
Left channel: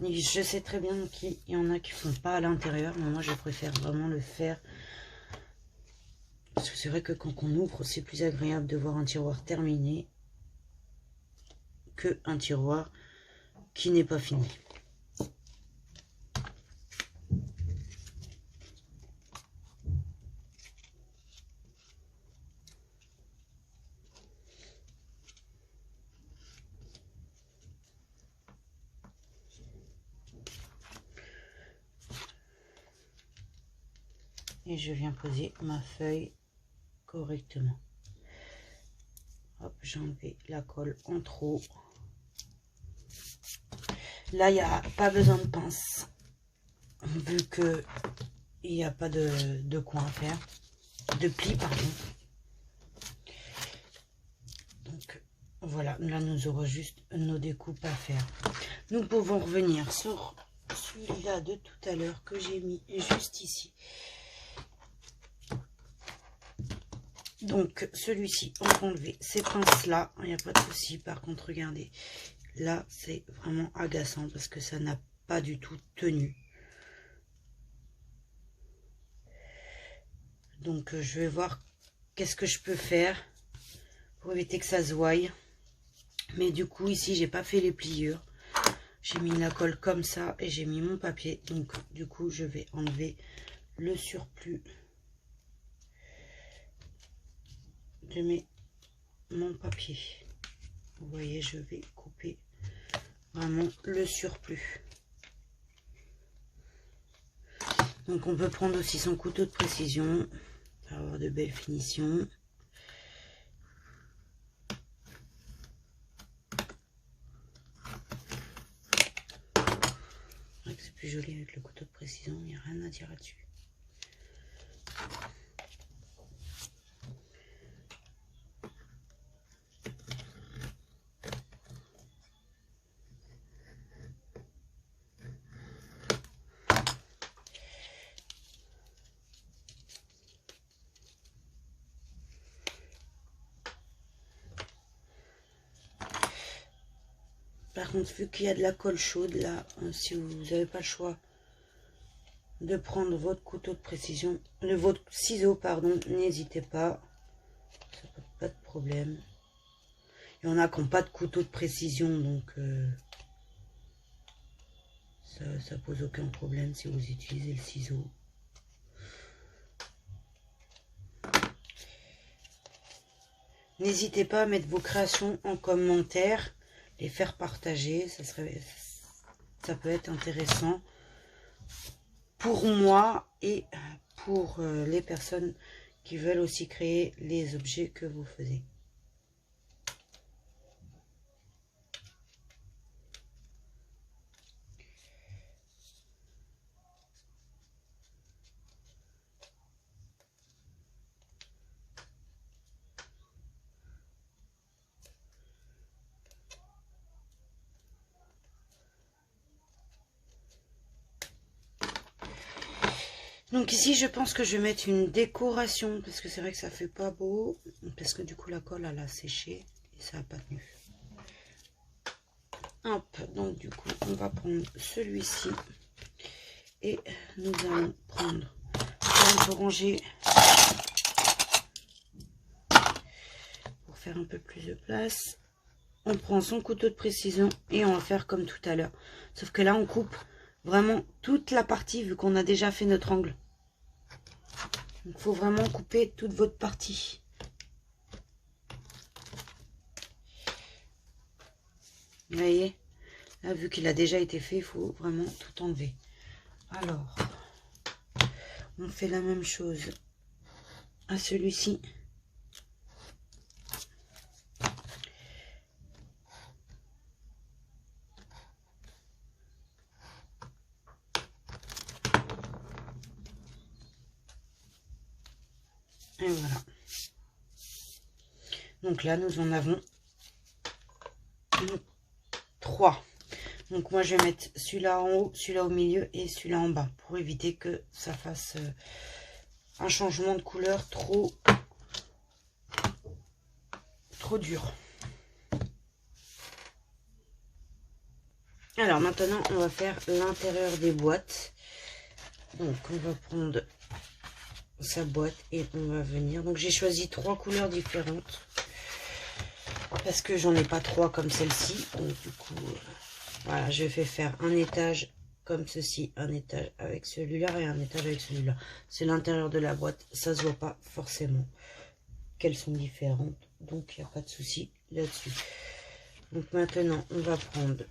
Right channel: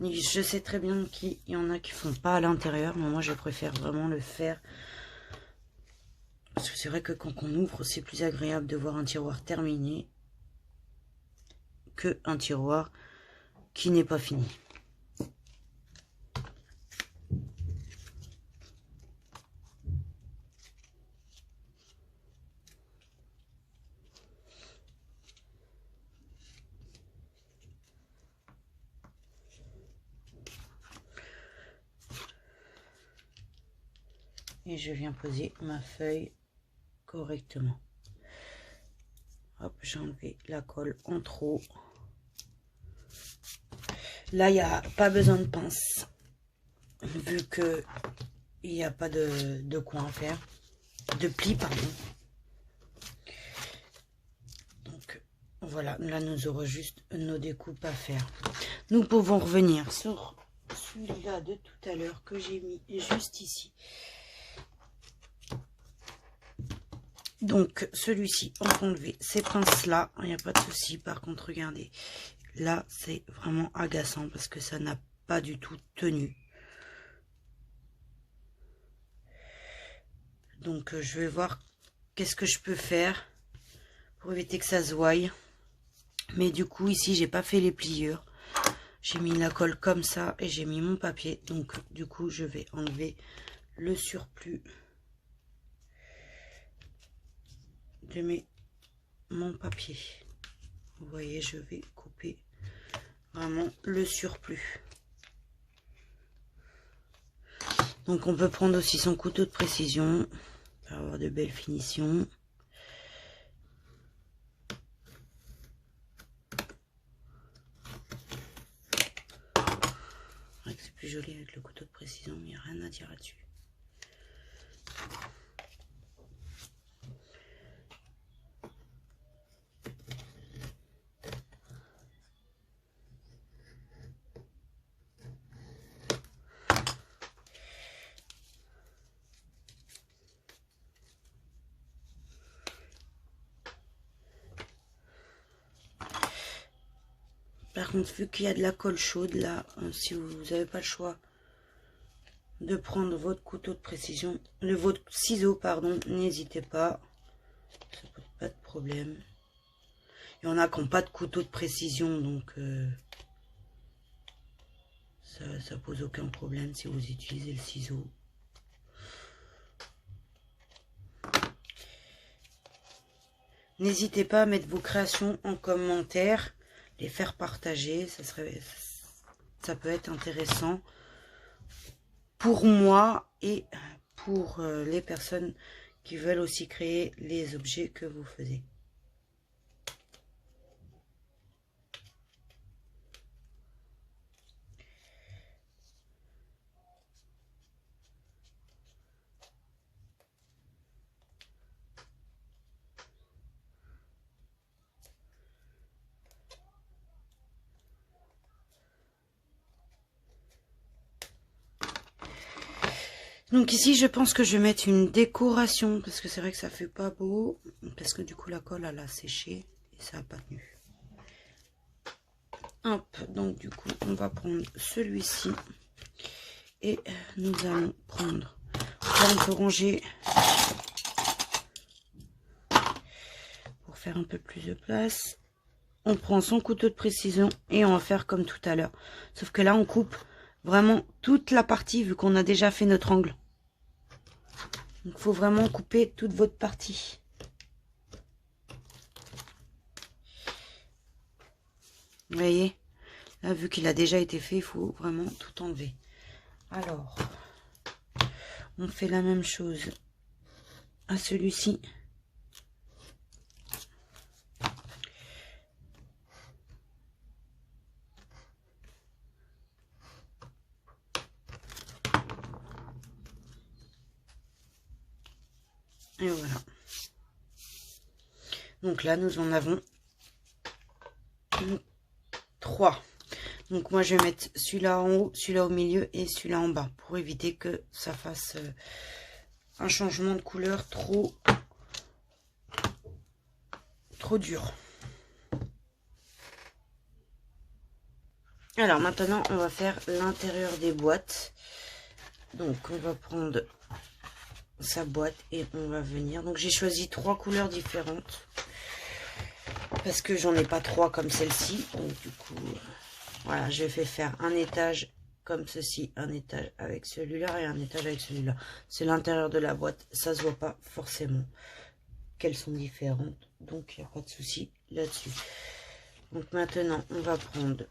Je sais très bien qu'il y en a qui font pas à l'intérieur, mais moi, je préfère vraiment le faire. Parce que c'est vrai que quand on ouvre, c'est plus agréable de voir un tiroir terminé que un tiroir qui n'est pas fini. Et je viens poser ma feuille correctement. Hop, j'ai enlevé la colle en trop. Là, il n'y a pas besoin de pince, vu que il n'y a pas de coin à faire, de pli, pardon. Donc, voilà, là, nous aurons juste nos découpes à faire. Nous pouvons revenir sur celui-là de tout à l'heure que j'ai mis juste ici. Donc, celui-ci, on peut enlever ces pinces-là, il n'y a pas de souci. Par contre, regardez, là, c'est vraiment agaçant parce que ça n'a pas du tout tenu. Donc, je vais voir qu'est-ce que je peux faire pour éviter que ça se voie. Mais du coup, ici, j'ai pas fait les pliures. J'ai mis la colle comme ça et j'ai mis mon papier. Donc, du coup, je vais enlever le surplus de mon papier. Vous voyez, je vais couper vraiment le surplus. Donc, on peut prendre aussi son couteau de précision pour avoir de belles finitions. C'est plus joli avec le couteau de précision, il n'y a rien à dire là-dessus. Par contre, vu qu'il y a de la colle chaude, là, si vous n'avez pas le choix de prendre votre couteau de précision, votre ciseau, pardon, n'hésitez pas. Ça pose pas de problème. Il y en a qui n'ont pas de couteau de précision, donc ça pose aucun problème si vous utilisez le ciseau. N'hésitez pas à mettre vos créations en commentaire, les faire partager, ça peut être intéressant pour moi et pour les personnes qui veulent aussi créer les objets que vous faites. Donc ici, je pense que je vais mettre une décoration, parce que c'est vrai que ça fait pas beau, parce que du coup la colle elle a séché et ça n'a pas tenu. Hop, donc du coup on va prendre celui-ci et nous allons prendre, on peut ranger pour faire un peu plus de place. On prend son couteau de précision et on va faire comme tout à l'heure, sauf que là on coupe vraiment toute la partie vu qu'on a déjà fait notre angle. Il faut vraiment couper toute votre partie. Vous voyez, là, vu qu'il a déjà été fait, il faut vraiment tout enlever. Alors, on fait la même chose à celui-ci. Et voilà. Donc là, nous en avons 3. Donc moi, je vais mettre celui-là en haut, celui-là au milieu et celui-là en bas pour éviter que ça fasse un changement de couleur trop dur. Alors maintenant, on va faire l'intérieur des boîtes. Donc on va prendre sa boîte et on va venir. Donc j'ai choisi 3 couleurs différentes parce que j'en ai pas 3 comme celle-ci. Donc du coup, voilà, je vais faire un étage comme ceci, un étage avec celui-là et un étage avec celui-là. C'est l'intérieur de la boîte, ça se voit pas forcément qu'elles sont différentes, donc il n'y a pas de souci là-dessus. Donc maintenant, on va prendre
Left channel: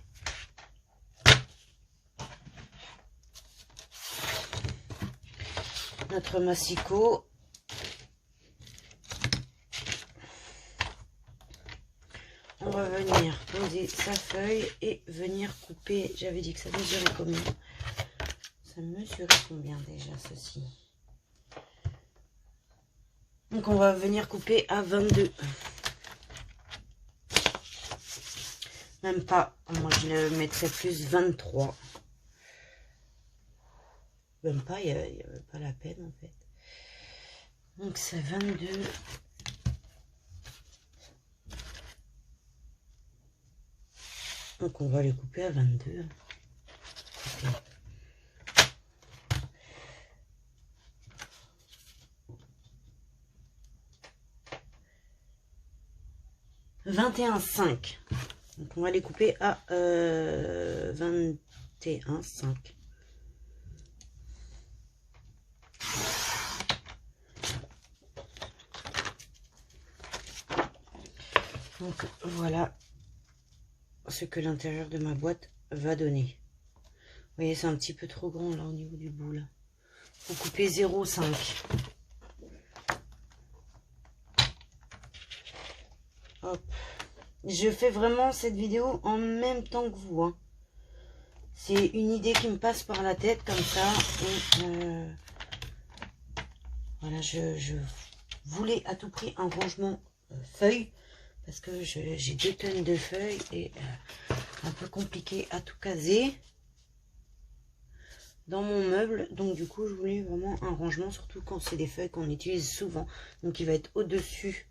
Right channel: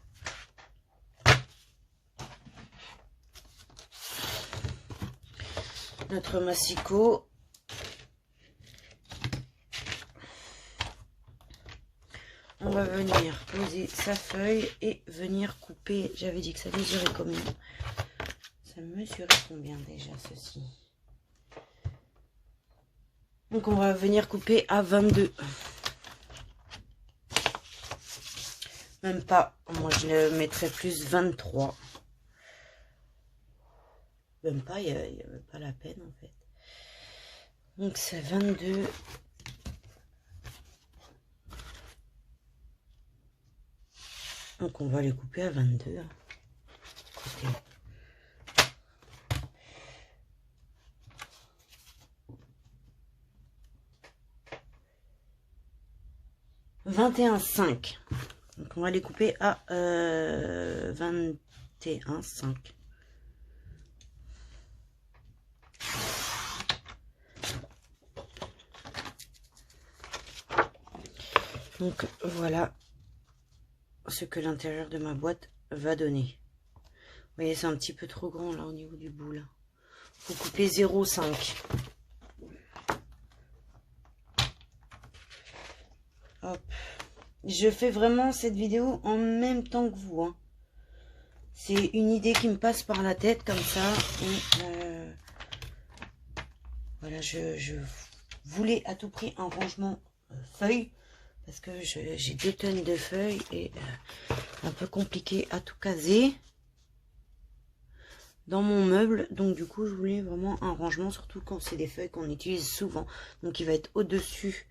notre massicot. On va venir poser sa feuille et venir couper. J'avais dit que ça mesurait combien? Ça mesurait combien déjà ceci? Donc on va venir couper à 22. Même pas, moi je le mettrais plus 23. Même pas, il n'y avait pas la peine en fait. Donc c'est 22. Donc on va les couper à 22. Okay. « 21,5 ». Donc on va les couper à 21,5. Donc voilà ce que l'intérieur de ma boîte va donner. Vous voyez, c'est un petit peu trop grand là au niveau du bout là. Faut couper 0,5. Hop. Je fais vraiment cette vidéo en même temps que vous. Hein. C'est une idée qui me passe par la tête comme ça. Et, voilà, je voulais à tout prix un rangement feuilles. Parce que j'ai 2 tonnes de feuilles et un peu compliqué à tout caser dans mon meuble. Donc du coup, je voulais vraiment un rangement, surtout quand c'est des feuilles qu'on utilise souvent. Donc il va être au-dessus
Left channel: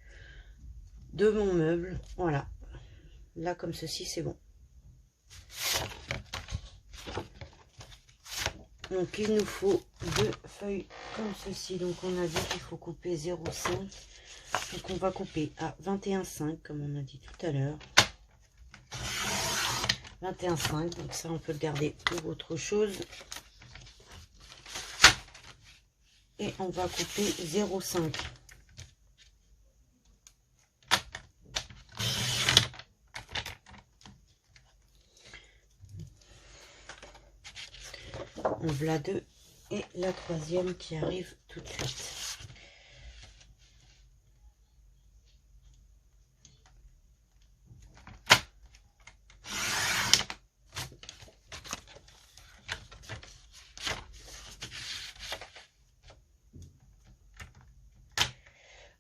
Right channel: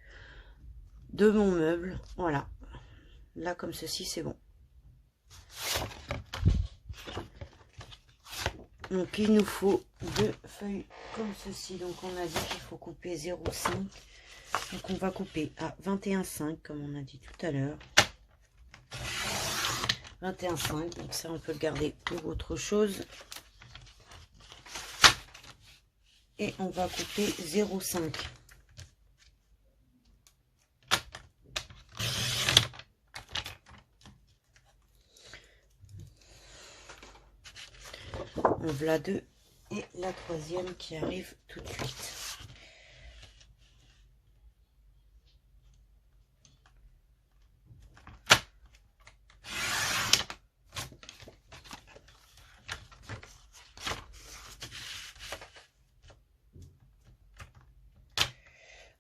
de mon meuble. Voilà. Là, comme ceci, c'est bon. Donc il nous faut 2 feuilles comme ceci. Donc on a dit qu'il faut couper 0,5. Donc on va couper à 21,5 comme on a dit tout à l'heure. 21,5. Donc ça on peut le garder pour autre chose. Et on va couper 0,5. On voilà 2 et la troisième qui arrive tout de suite.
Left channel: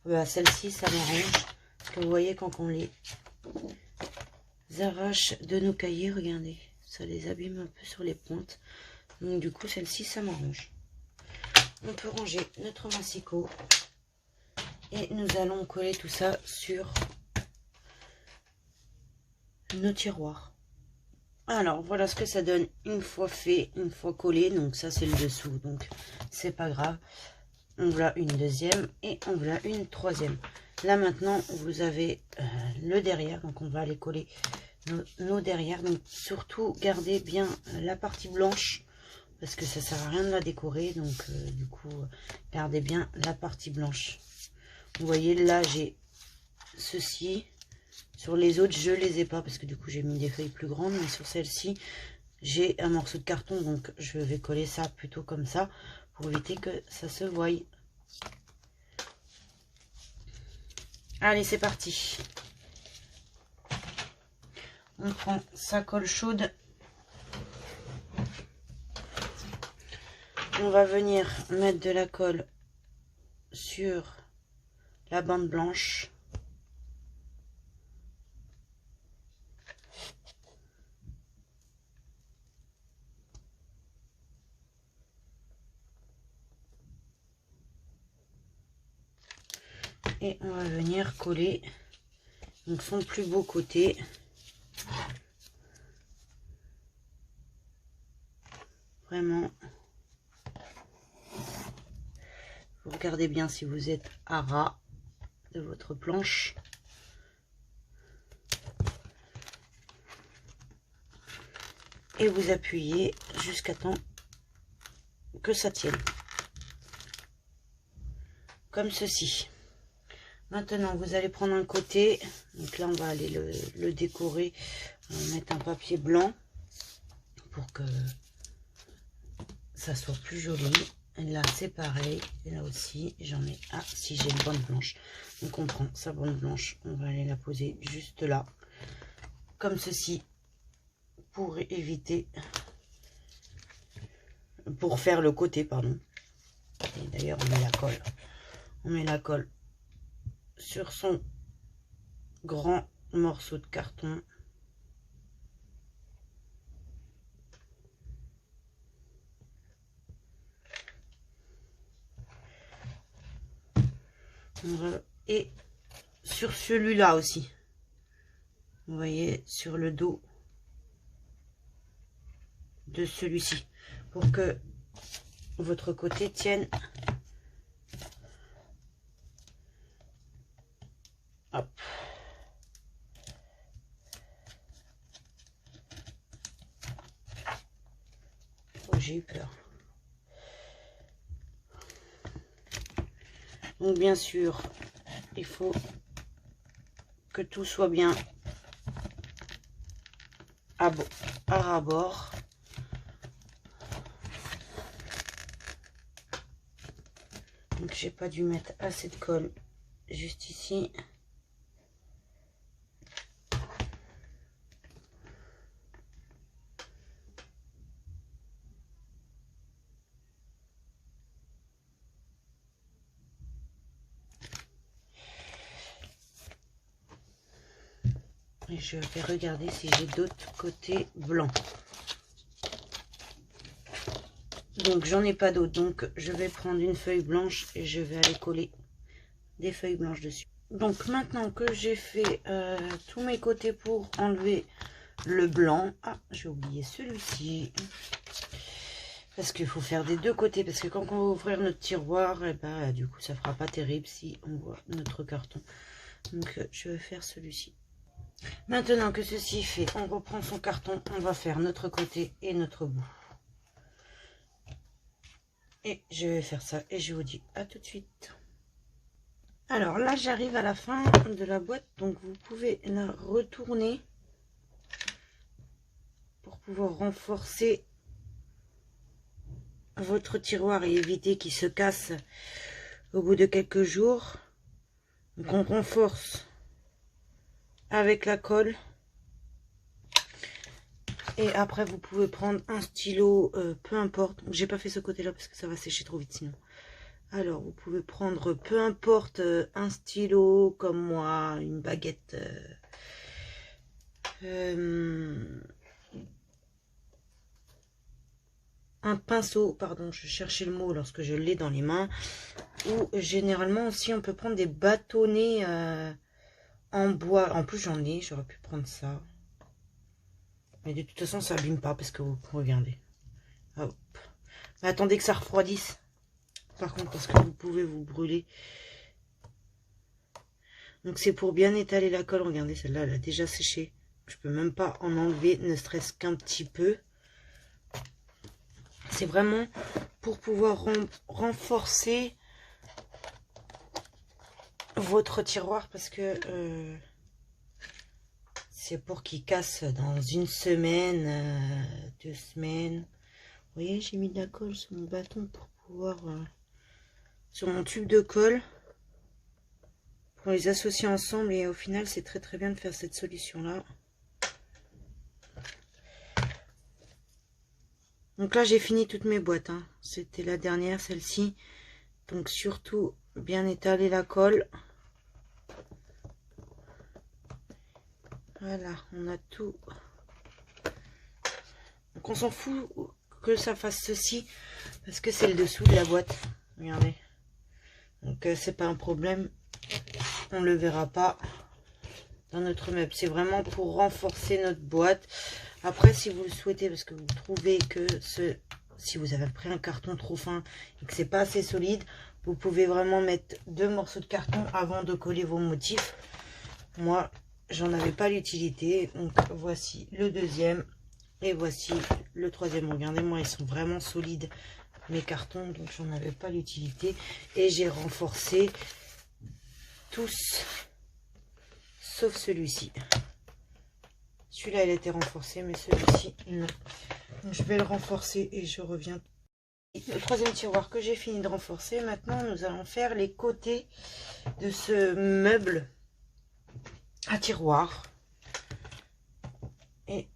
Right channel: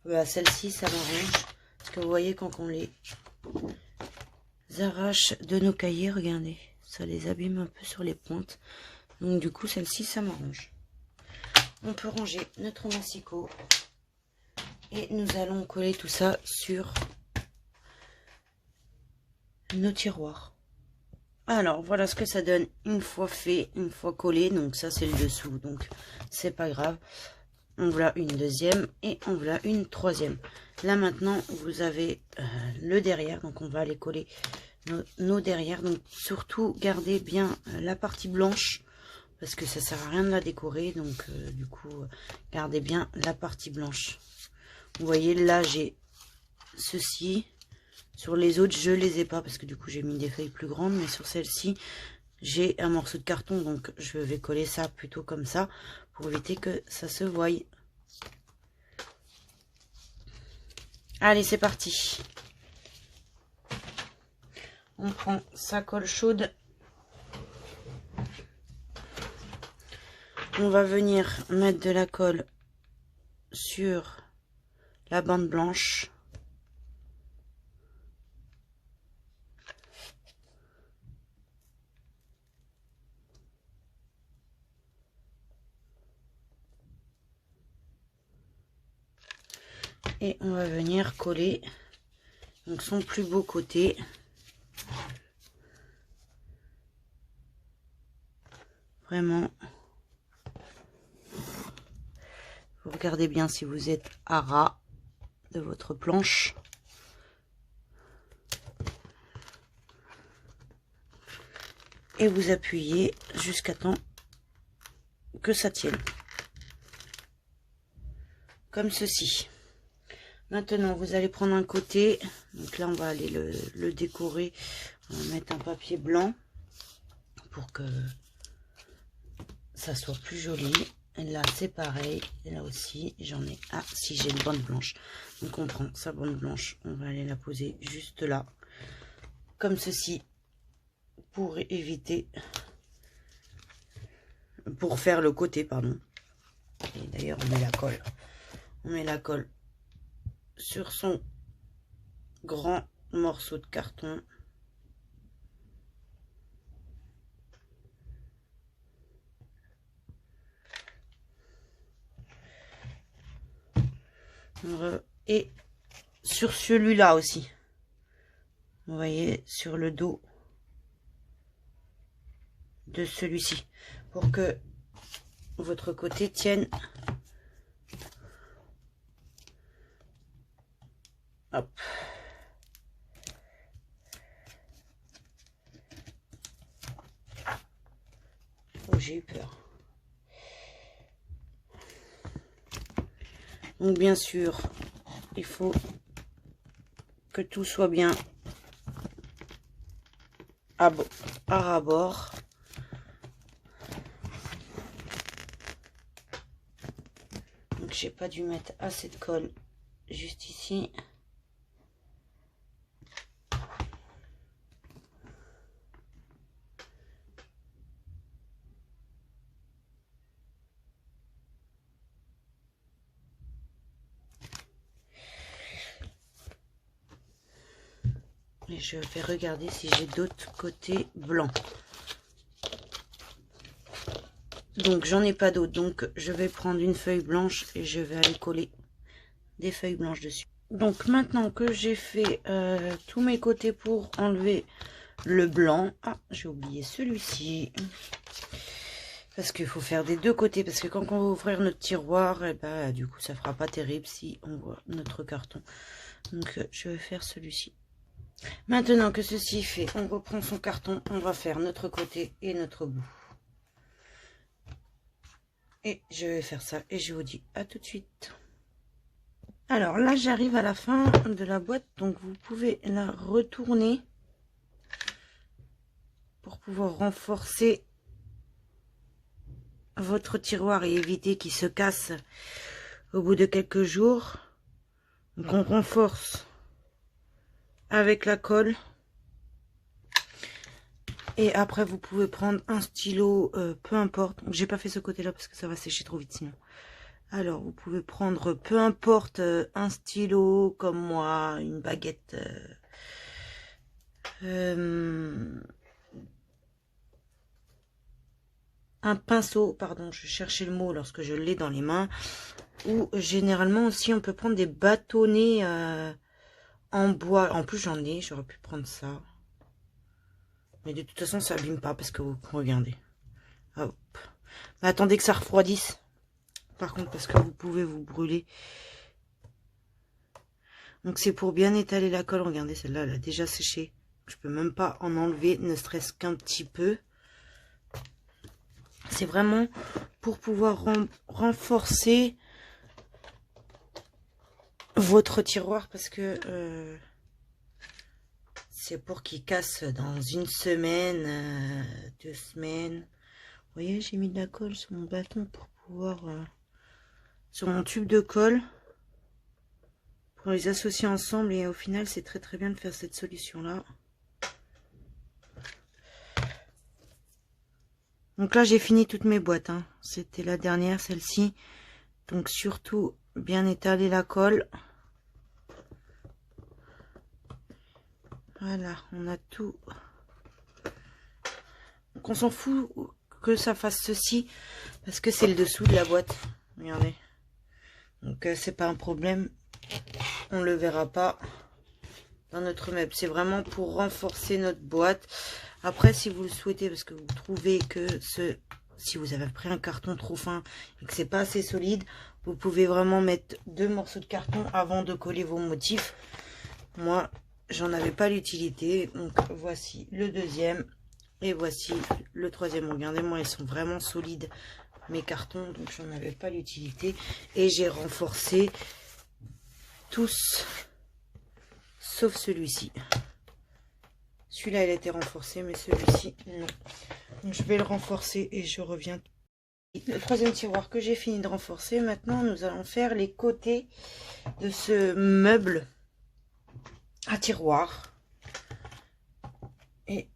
Voilà, celle-ci, ça m'arrange. Parce que vous voyez, quand on les arrache de nos cahiers, regardez, ça les abîme un peu sur les pointes. Donc du coup, celle-ci, ça m'arrange. On peut ranger notre massicot. Et nous allons coller tout ça sur nos tiroirs. Alors, voilà ce que ça donne une fois fait, une fois collé. Donc ça, c'est le dessous. Donc, c'est pas grave. On voilà une deuxième et on voilà une troisième. Là, maintenant, vous avez le derrière. Donc, on va aller coller nos derrière. Donc, surtout, gardez bien la partie blanche. Parce que ça sert à rien de la décorer. Donc, du coup, gardez bien la partie blanche. Vous voyez, là, j'ai ceci. Sur les autres, je les ai pas. Parce que du coup, j'ai mis des feuilles plus grandes. Mais sur celle-ci, j'ai un morceau de carton. Donc, je vais coller ça plutôt comme ça. Pour éviter que ça se voie. Allez, c'est parti. On prend sa colle chaude. On va venir mettre de la colle sur la bande blanche. Et on va venir coller donc son plus beau côté. Vraiment. Vous regardez bien si vous êtes à ras de votre planche. Et vous appuyez jusqu'à temps que ça tienne. Comme ceci. Maintenant, vous allez prendre un côté. Donc là, on va aller le décorer. On va mettre un papier blanc pour que ça soit plus joli. Et là, c'est pareil. Et là aussi, j'en ai... Ah, si j'ai une bande blanche. Donc, on prend sa bande blanche. On va aller la poser juste là. Comme ceci. Pour éviter... Pour faire le côté, pardon. Et d'ailleurs, on met la colle. On met la colle sur son grand morceau de carton. Et sur celui-là aussi. Vous voyez, sur le dos de celui-ci. Pour que votre côté tienne. Hop. Oh, j'ai eu peur. Donc bien sûr, il faut que tout soit bien à ras-bord. Donc j'ai pas dû mettre assez de colle juste ici. Et je vais regarder si j'ai d'autres côtés blancs. Donc j'en ai pas d'autres. Donc je vais prendre une feuille blanche et je vais aller coller des feuilles blanches dessus. Donc maintenant que j'ai fait tous mes côtés pour enlever le blanc. Ah, j'ai oublié celui-ci. Parce qu'il faut faire des deux côtés. Parce que quand on va ouvrir notre tiroir, et ben, du coup, ça fera pas terrible si on voit notre carton. Donc, je vais faire celui-ci. Maintenant que ceci est fait, on reprend son carton. On va faire notre côté et notre bout. Et je vais faire ça. Et je vous dis à tout de suite. Alors là, j'arrive à la fin de la boîte. Donc, vous pouvez la retourner pour pouvoir renforcer votre tiroir et éviter qu'il se casse au bout de quelques jours. Donc on renforce avec la colle et après vous pouvez prendre un stylo, peu importe. J'ai pas fait ce côté là parce que ça va sécher trop vite sinon. Alors vous pouvez prendre peu importe un stylo comme moi, une baguette, un pinceau, pardon, je cherchais le mot lorsque je l'ai dans les mains. Ou généralement aussi on peut prendre des bâtonnets en bois. En plus j'en ai, j'aurais pu prendre ça. Mais de toute façon ça abîme pas parce que vous regardez. Hop. Mais attendez que ça refroidisse. Par contre parce que vous pouvez vous brûler. Donc c'est pour bien étaler la colle. Regardez, celle-là elle a déjà séché. Je peux même pas en enlever, ne serait-ce qu'un petit peu. C'est vraiment pour pouvoir renforcer votre tiroir parce que c'est pour qu'il casse dans une semaine, 2 semaines. Vous voyez, j'ai mis de la colle sur mon bâton pour pouvoir sur mon tube de colle pour les associer ensemble et au final c'est très très bien de faire cette solution là. Donc là j'ai fini toutes mes boîtes, hein. C'était la dernière, celle-ci. Donc surtout bien étaler la colle. Voilà, on a tout. Donc on s'en fout que ça fasse ceci parce que c'est le dessous de la boîte. Regardez. Donc c'est pas un problème. On le verra pas dans notre meuble. C'est vraiment pour renforcer notre boîte. Après, si vous le souhaitez, parce que vous trouvez que si vous avez pris un carton trop fin et que c'est pas assez solide, vous pouvez vraiment mettre 2 morceaux de carton avant de coller vos motifs. Moi, j'en avais pas l'utilité. Donc voici le deuxième et voici le troisième. Regardez, moi ils sont vraiment solides mes cartons, donc j'en avais pas l'utilité et j'ai renforcé tous sauf celui-ci. Celui-là il a été renforcé, mais celui-ci non. Donc, je vais le renforcer et je reviens. Le troisième tiroir que j'ai fini de renforcer. Maintenant nous allons faire les côtés de ce meuble à tiroir et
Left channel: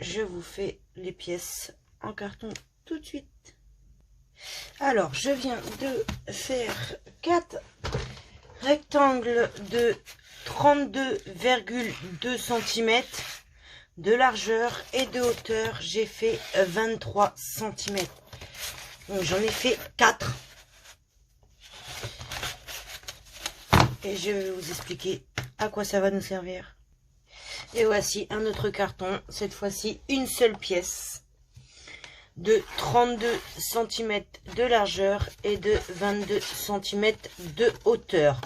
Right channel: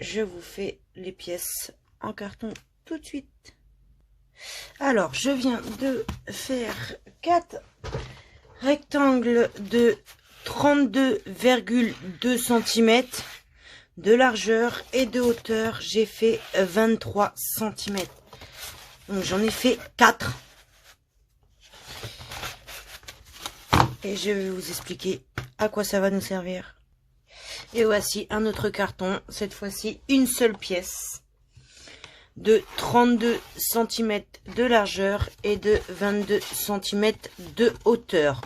je vous fais les pièces en carton tout de suite. Alors je viens de faire 4 rectangles de 32,2 cm de largeur et de hauteur. J'ai fait 23 cm. Donc j'en ai fait 4 et je vais vous expliquer à quoi ça va nous servir. Et voici un autre carton, cette fois-ci une seule pièce de 32 cm de largeur et de 22 cm de hauteur.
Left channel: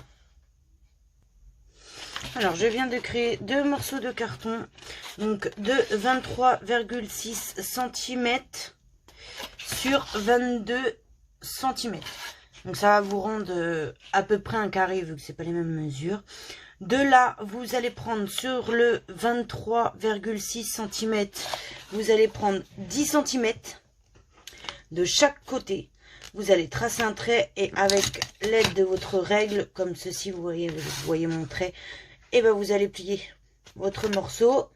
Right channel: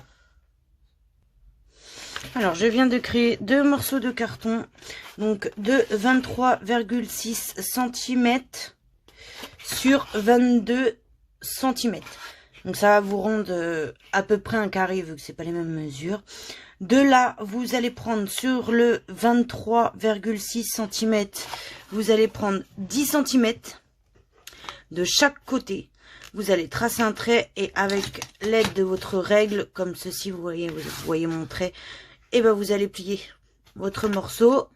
Alors je viens de créer 2 morceaux de carton, donc de 23,6 cm sur 22 cm. Donc ça va vous rendre à peu près un carré vu que c'est pas les mêmes mesures. De là, vous allez prendre sur le 23,6 cm, vous allez prendre 10 cm de chaque côté. Vous allez tracer un trait et avec l'aide de votre règle, comme ceci, vous voyez mon trait, et ben vous allez plier votre morceau.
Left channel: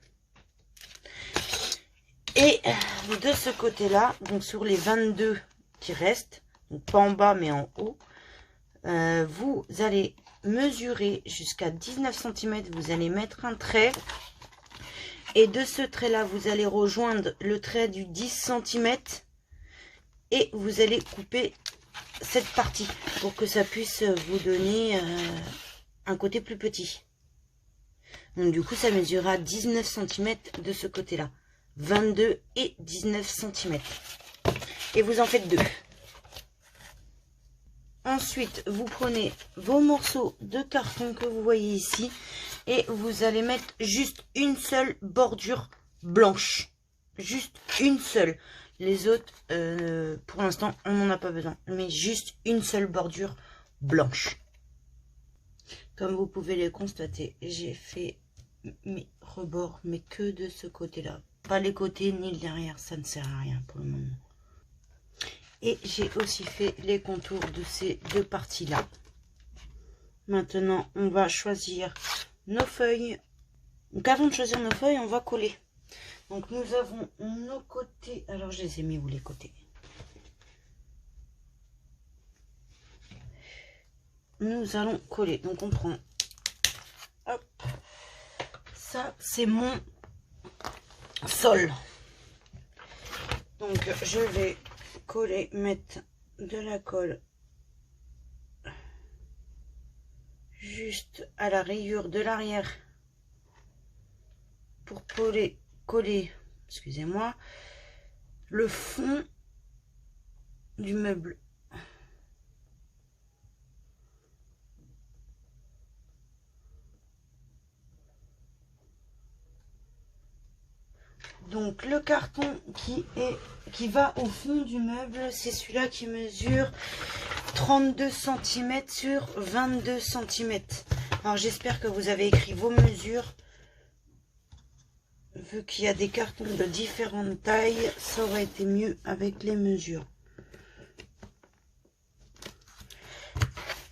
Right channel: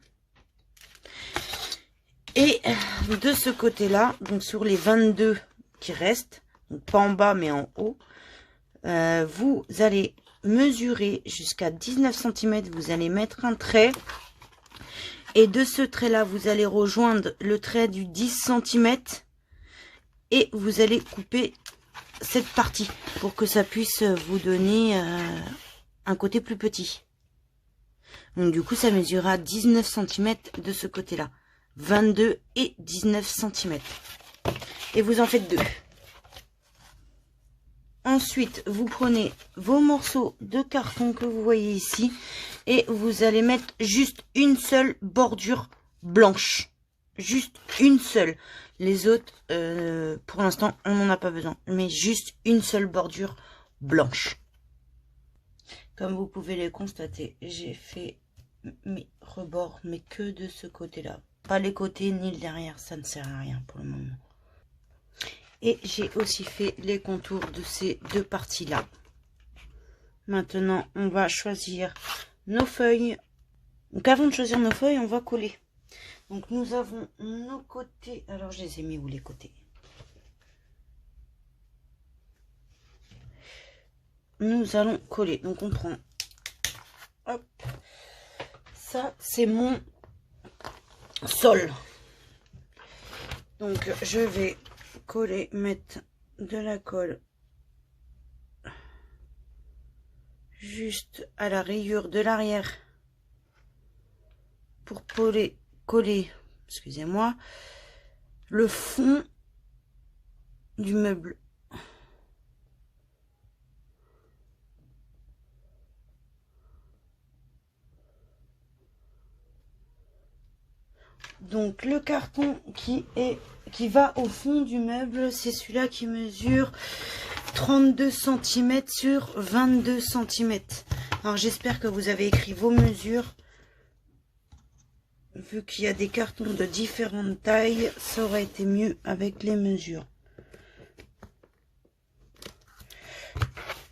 Et de ce côté-là, donc sur les 22 qui restent, donc pas en bas mais en haut, vous allez mesurer jusqu'à 19 cm, vous allez mettre un trait et de ce trait là vous allez rejoindre le trait du 10 cm et vous allez couper cette partie pour que ça puisse vous donner un côté plus petit. Donc du coup, ça mesurera 19 cm de ce côté-là. 22 et 19 cm. Et vous en faites 2. Ensuite, vous prenez vos morceaux de carton que vous voyez ici. Et vous allez mettre juste une seule bordure blanche. Juste une seule. Les autres, pour l'instant, on n'en a pas besoin. Mais juste une seule bordure blanche. Comme vous pouvez le constater, j'ai fait mes rebords, mais que de ce côté-là. Pas les côtés ni le derrière, ça ne sert à rien pour le moment. Et j'ai aussi fait les contours de ces deux parties-là. Maintenant, on va choisir nos feuilles. Donc avant de choisir nos feuilles, on va coller. Donc nous avons nos côtés. Alors je les ai mis où les côtés? Nous allons coller. Donc on prend. Hop. Ça c'est mon sol. Donc je vais coller, mettre de la colle juste à la rayure de l'arrière pour coller, excusez-moi, le fond du meuble. Donc le carton qui va au fond du meuble, c'est celui-là qui mesure 32 cm sur 22 cm. Alors j'espère que vous avez écrit vos mesures. Vu qu'il y a des cartons de différentes tailles, ça aurait été mieux avec les mesures.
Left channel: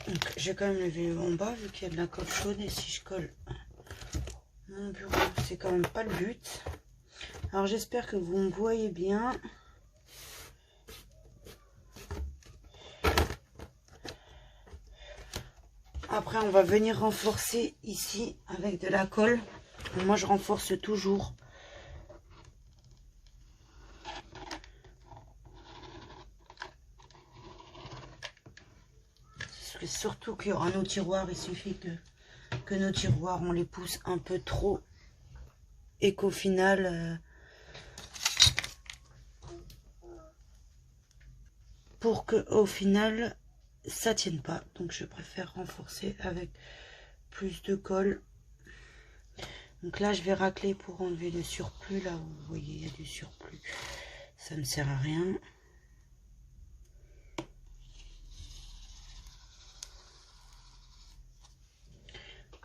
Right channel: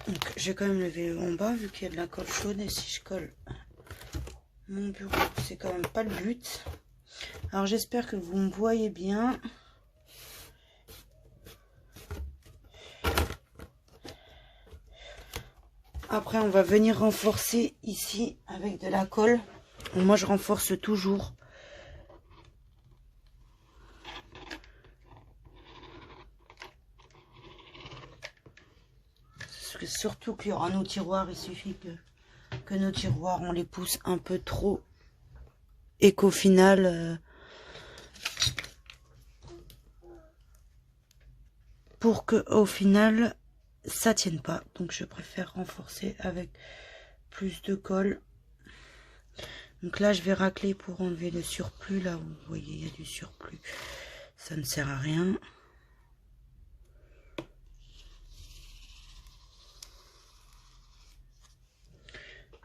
Donc j'ai quand même levé le en bas vu qu'il y a de la colle chaude, et si je colle mon bureau, c'est quand même pas le but. Alors j'espère que vous me voyez bien. Après on va venir renforcer ici avec de la colle. Moi je renforce toujours. Parce que surtout qu'il y aura nos tiroirs, il suffit que nos tiroirs on les pousse un peu trop. Et qu'au final, pour que au final ça tienne pas, donc je préfère renforcer avec plus de colle. Donc là je vais racler pour enlever le surplus. Là vous voyez il y a du surplus, ça ne sert à rien.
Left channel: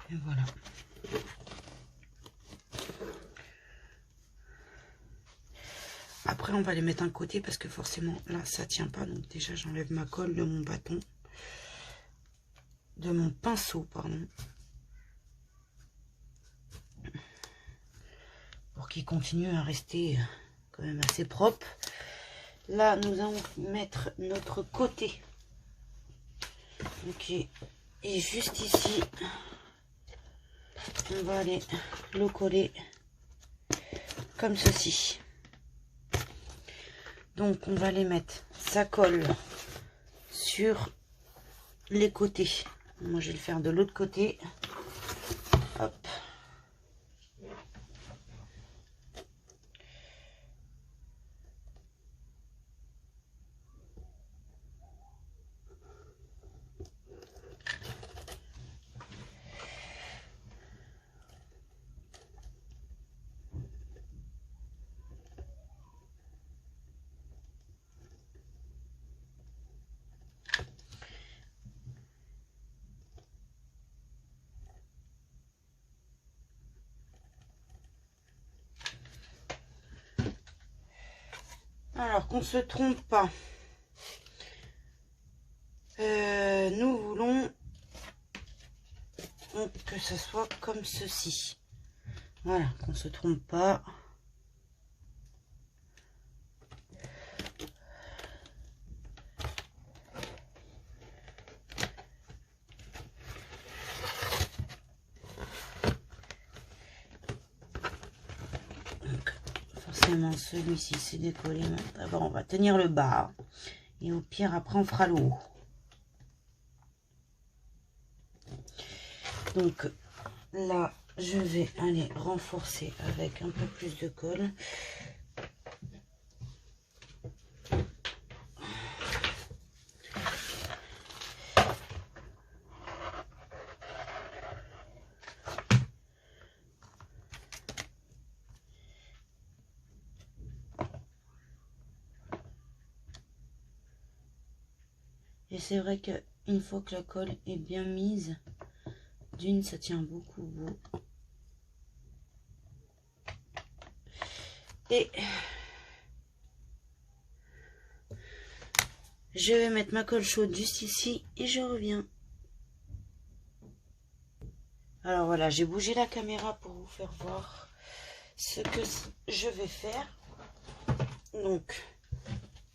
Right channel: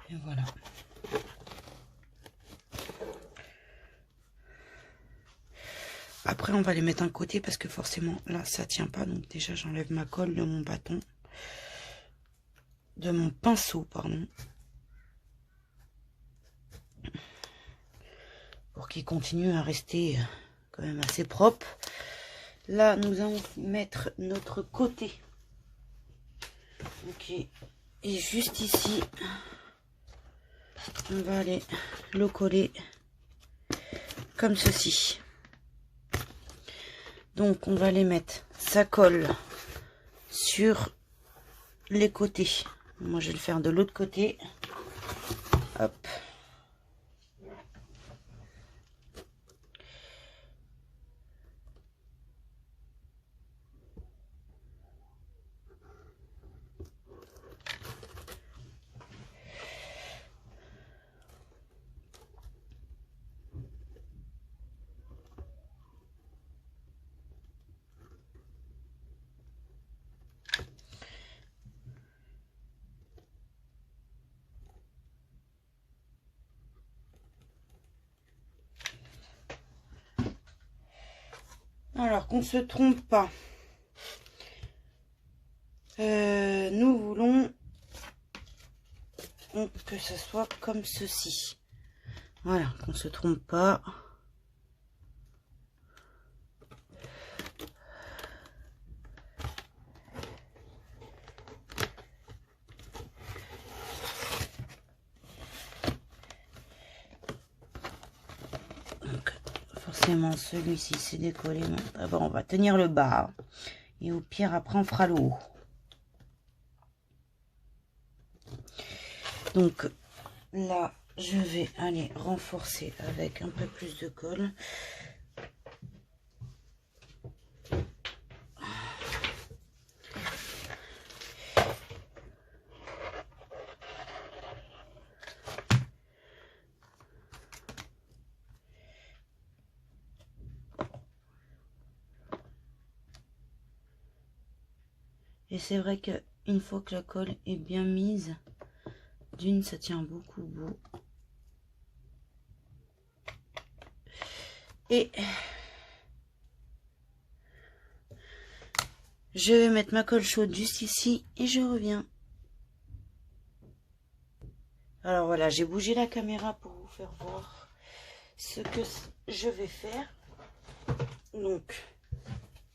Et voilà. Après on va les mettre d'un côté parce que forcément là ça tient pas, donc déjà j'enlève ma colle de mon bâton, de mon pinceau pardon, pour qu'il continue à rester quand même assez propre. Là nous allons mettre notre côté, ok, et juste ici on va aller le coller comme ceci. Donc on va les mettre, ça colle sur les côtés. Moi je vais le faire de l'autre côté. Hop. Alors qu'on se trompe pas, nous voulons que ça soit comme ceci. Voilà, qu'on se trompe pas. Donc forcément celui-ci c'est décollé. D'abord on va tenir le bas et au pire après on fera le haut. Donc là je vais aller renforcer avec un peu plus de colle. Et c'est vrai qu'une fois que la colle est bien mise, d'une, ça tient beaucoup beau. Et je vais mettre ma colle chaude juste ici et je reviens. Alors voilà, j'ai bougé la caméra pour vous faire voir ce que je vais faire. Donc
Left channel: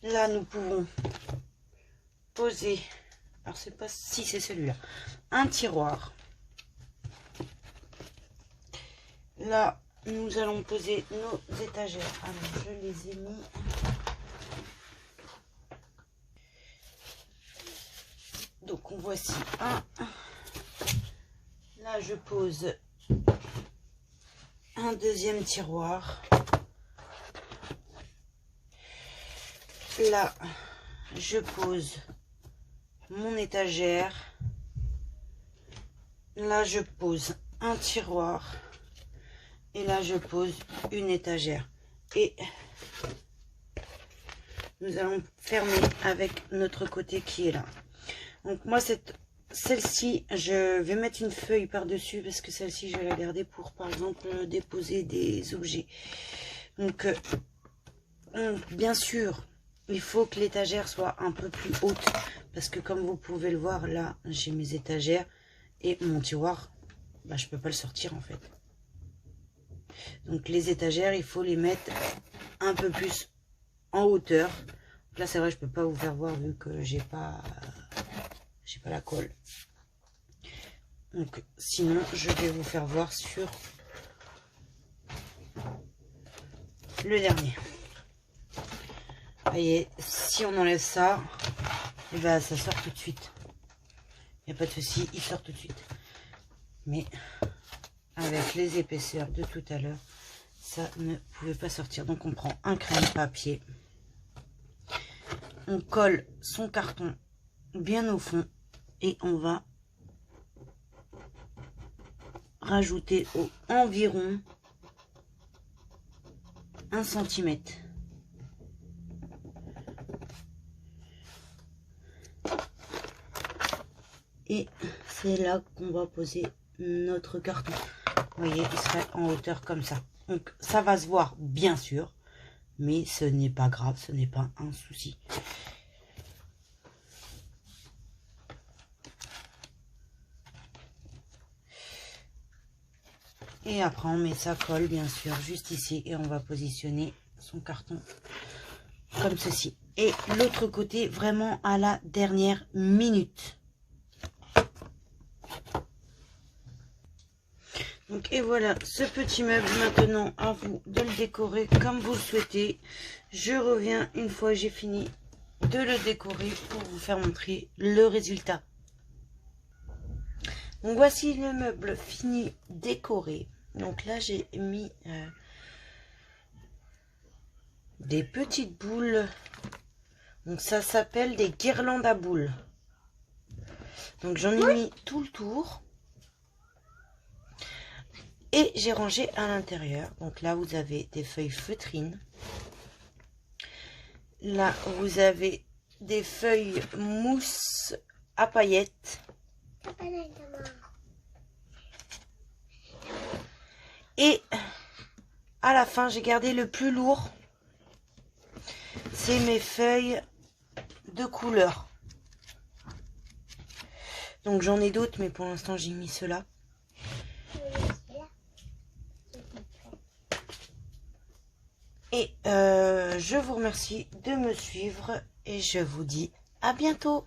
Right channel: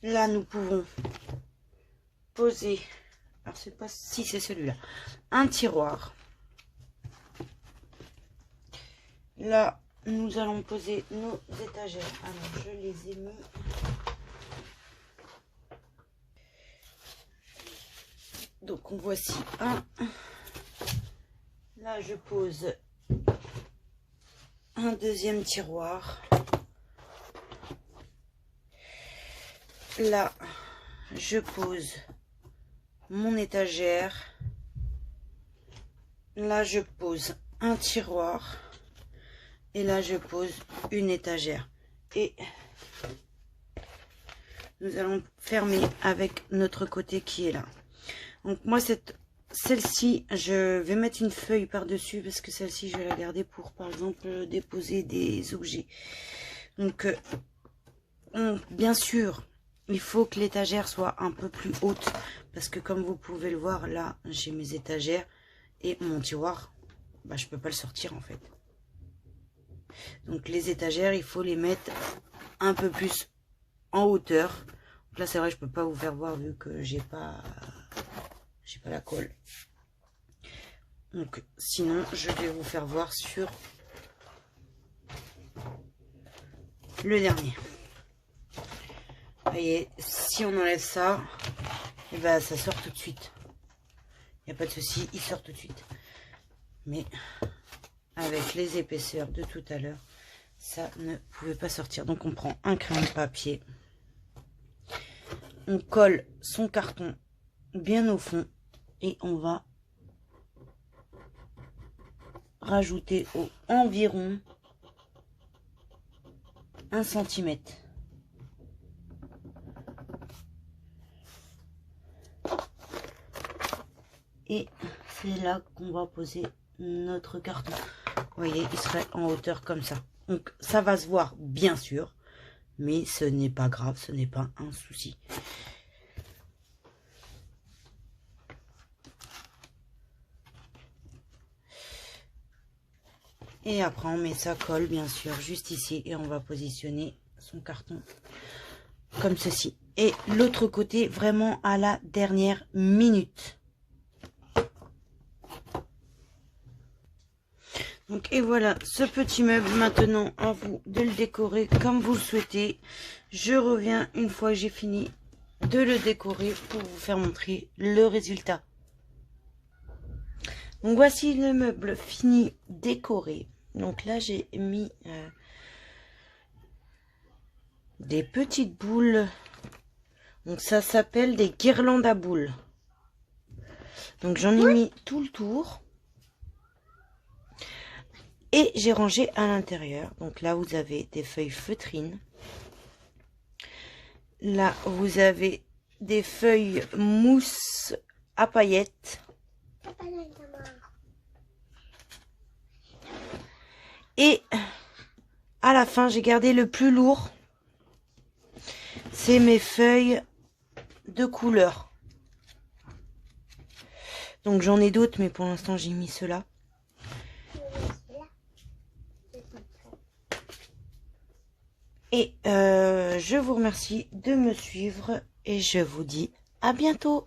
là, nous pouvons poser, alors c'est pas si c'est celui-là, un tiroir. Là, nous allons poser nos étagères. Alors, je les ai mis. Donc, on voici un. Là, je pose un deuxième tiroir. Là, je pose mon étagère. Là, je pose un tiroir. Et là, je pose une étagère. Et nous allons fermer avec notre côté qui est là. Donc moi, celle-ci, je vais mettre une feuille par-dessus parce que celle-ci, je vais la garder pour, par exemple, déposer des objets. Donc, bien sûr, il faut que l'étagère soit un peu plus haute parce que comme vous pouvez le voir, là, j'ai mes étagères et mon tiroir, bah, je peux pas le sortir en fait. Donc les étagères, il faut les mettre un peu plus en hauteur. Donc là, c'est vrai, je peux pas vous faire voir vu que j'ai pas la colle. Donc sinon, je vais vous faire voir sur le dernier. Vous voyez, si on enlève ça, et ben ça sort tout de suite. Il n'y a pas de souci, il sort tout de suite. Mais avec les épaisseurs de tout à l'heure, ça ne pouvait pas sortir. Donc on prend un crayon de papier, on colle son carton bien au fond et on va rajouter environ 1 cm. Et c'est là qu'on va poser notre carton. Vous voyez, il serait en hauteur comme ça. Donc ça va se voir bien sûr, mais ce n'est pas grave, ce n'est pas un souci. Et après on met sa colle bien sûr juste ici et on va positionner son carton comme ceci. Et l'autre côté vraiment à la dernière minute. Donc, et voilà ce petit meuble. Maintenant à vous de le décorer comme vous le souhaitez. Je reviens une fois j'ai fini de le décorer pour vous faire montrer le résultat. Donc voici le meuble fini décoré. Donc là j'ai mis des petites boules. Donc ça s'appelle des guirlandes à boules. Donc j'en ai mis tout le tour. Et j'ai rangé à l'intérieur. Donc là, vous avez des feuilles feutrines. Là, vous avez des feuilles mousse à paillettes. Et à la fin, j'ai gardé le plus lourd. C'est mes feuilles de couleur. Donc j'en ai d'autres, mais pour l'instant, j'ai mis ceux-là. Et je vous remercie de me suivre et je vous dis à bientôt.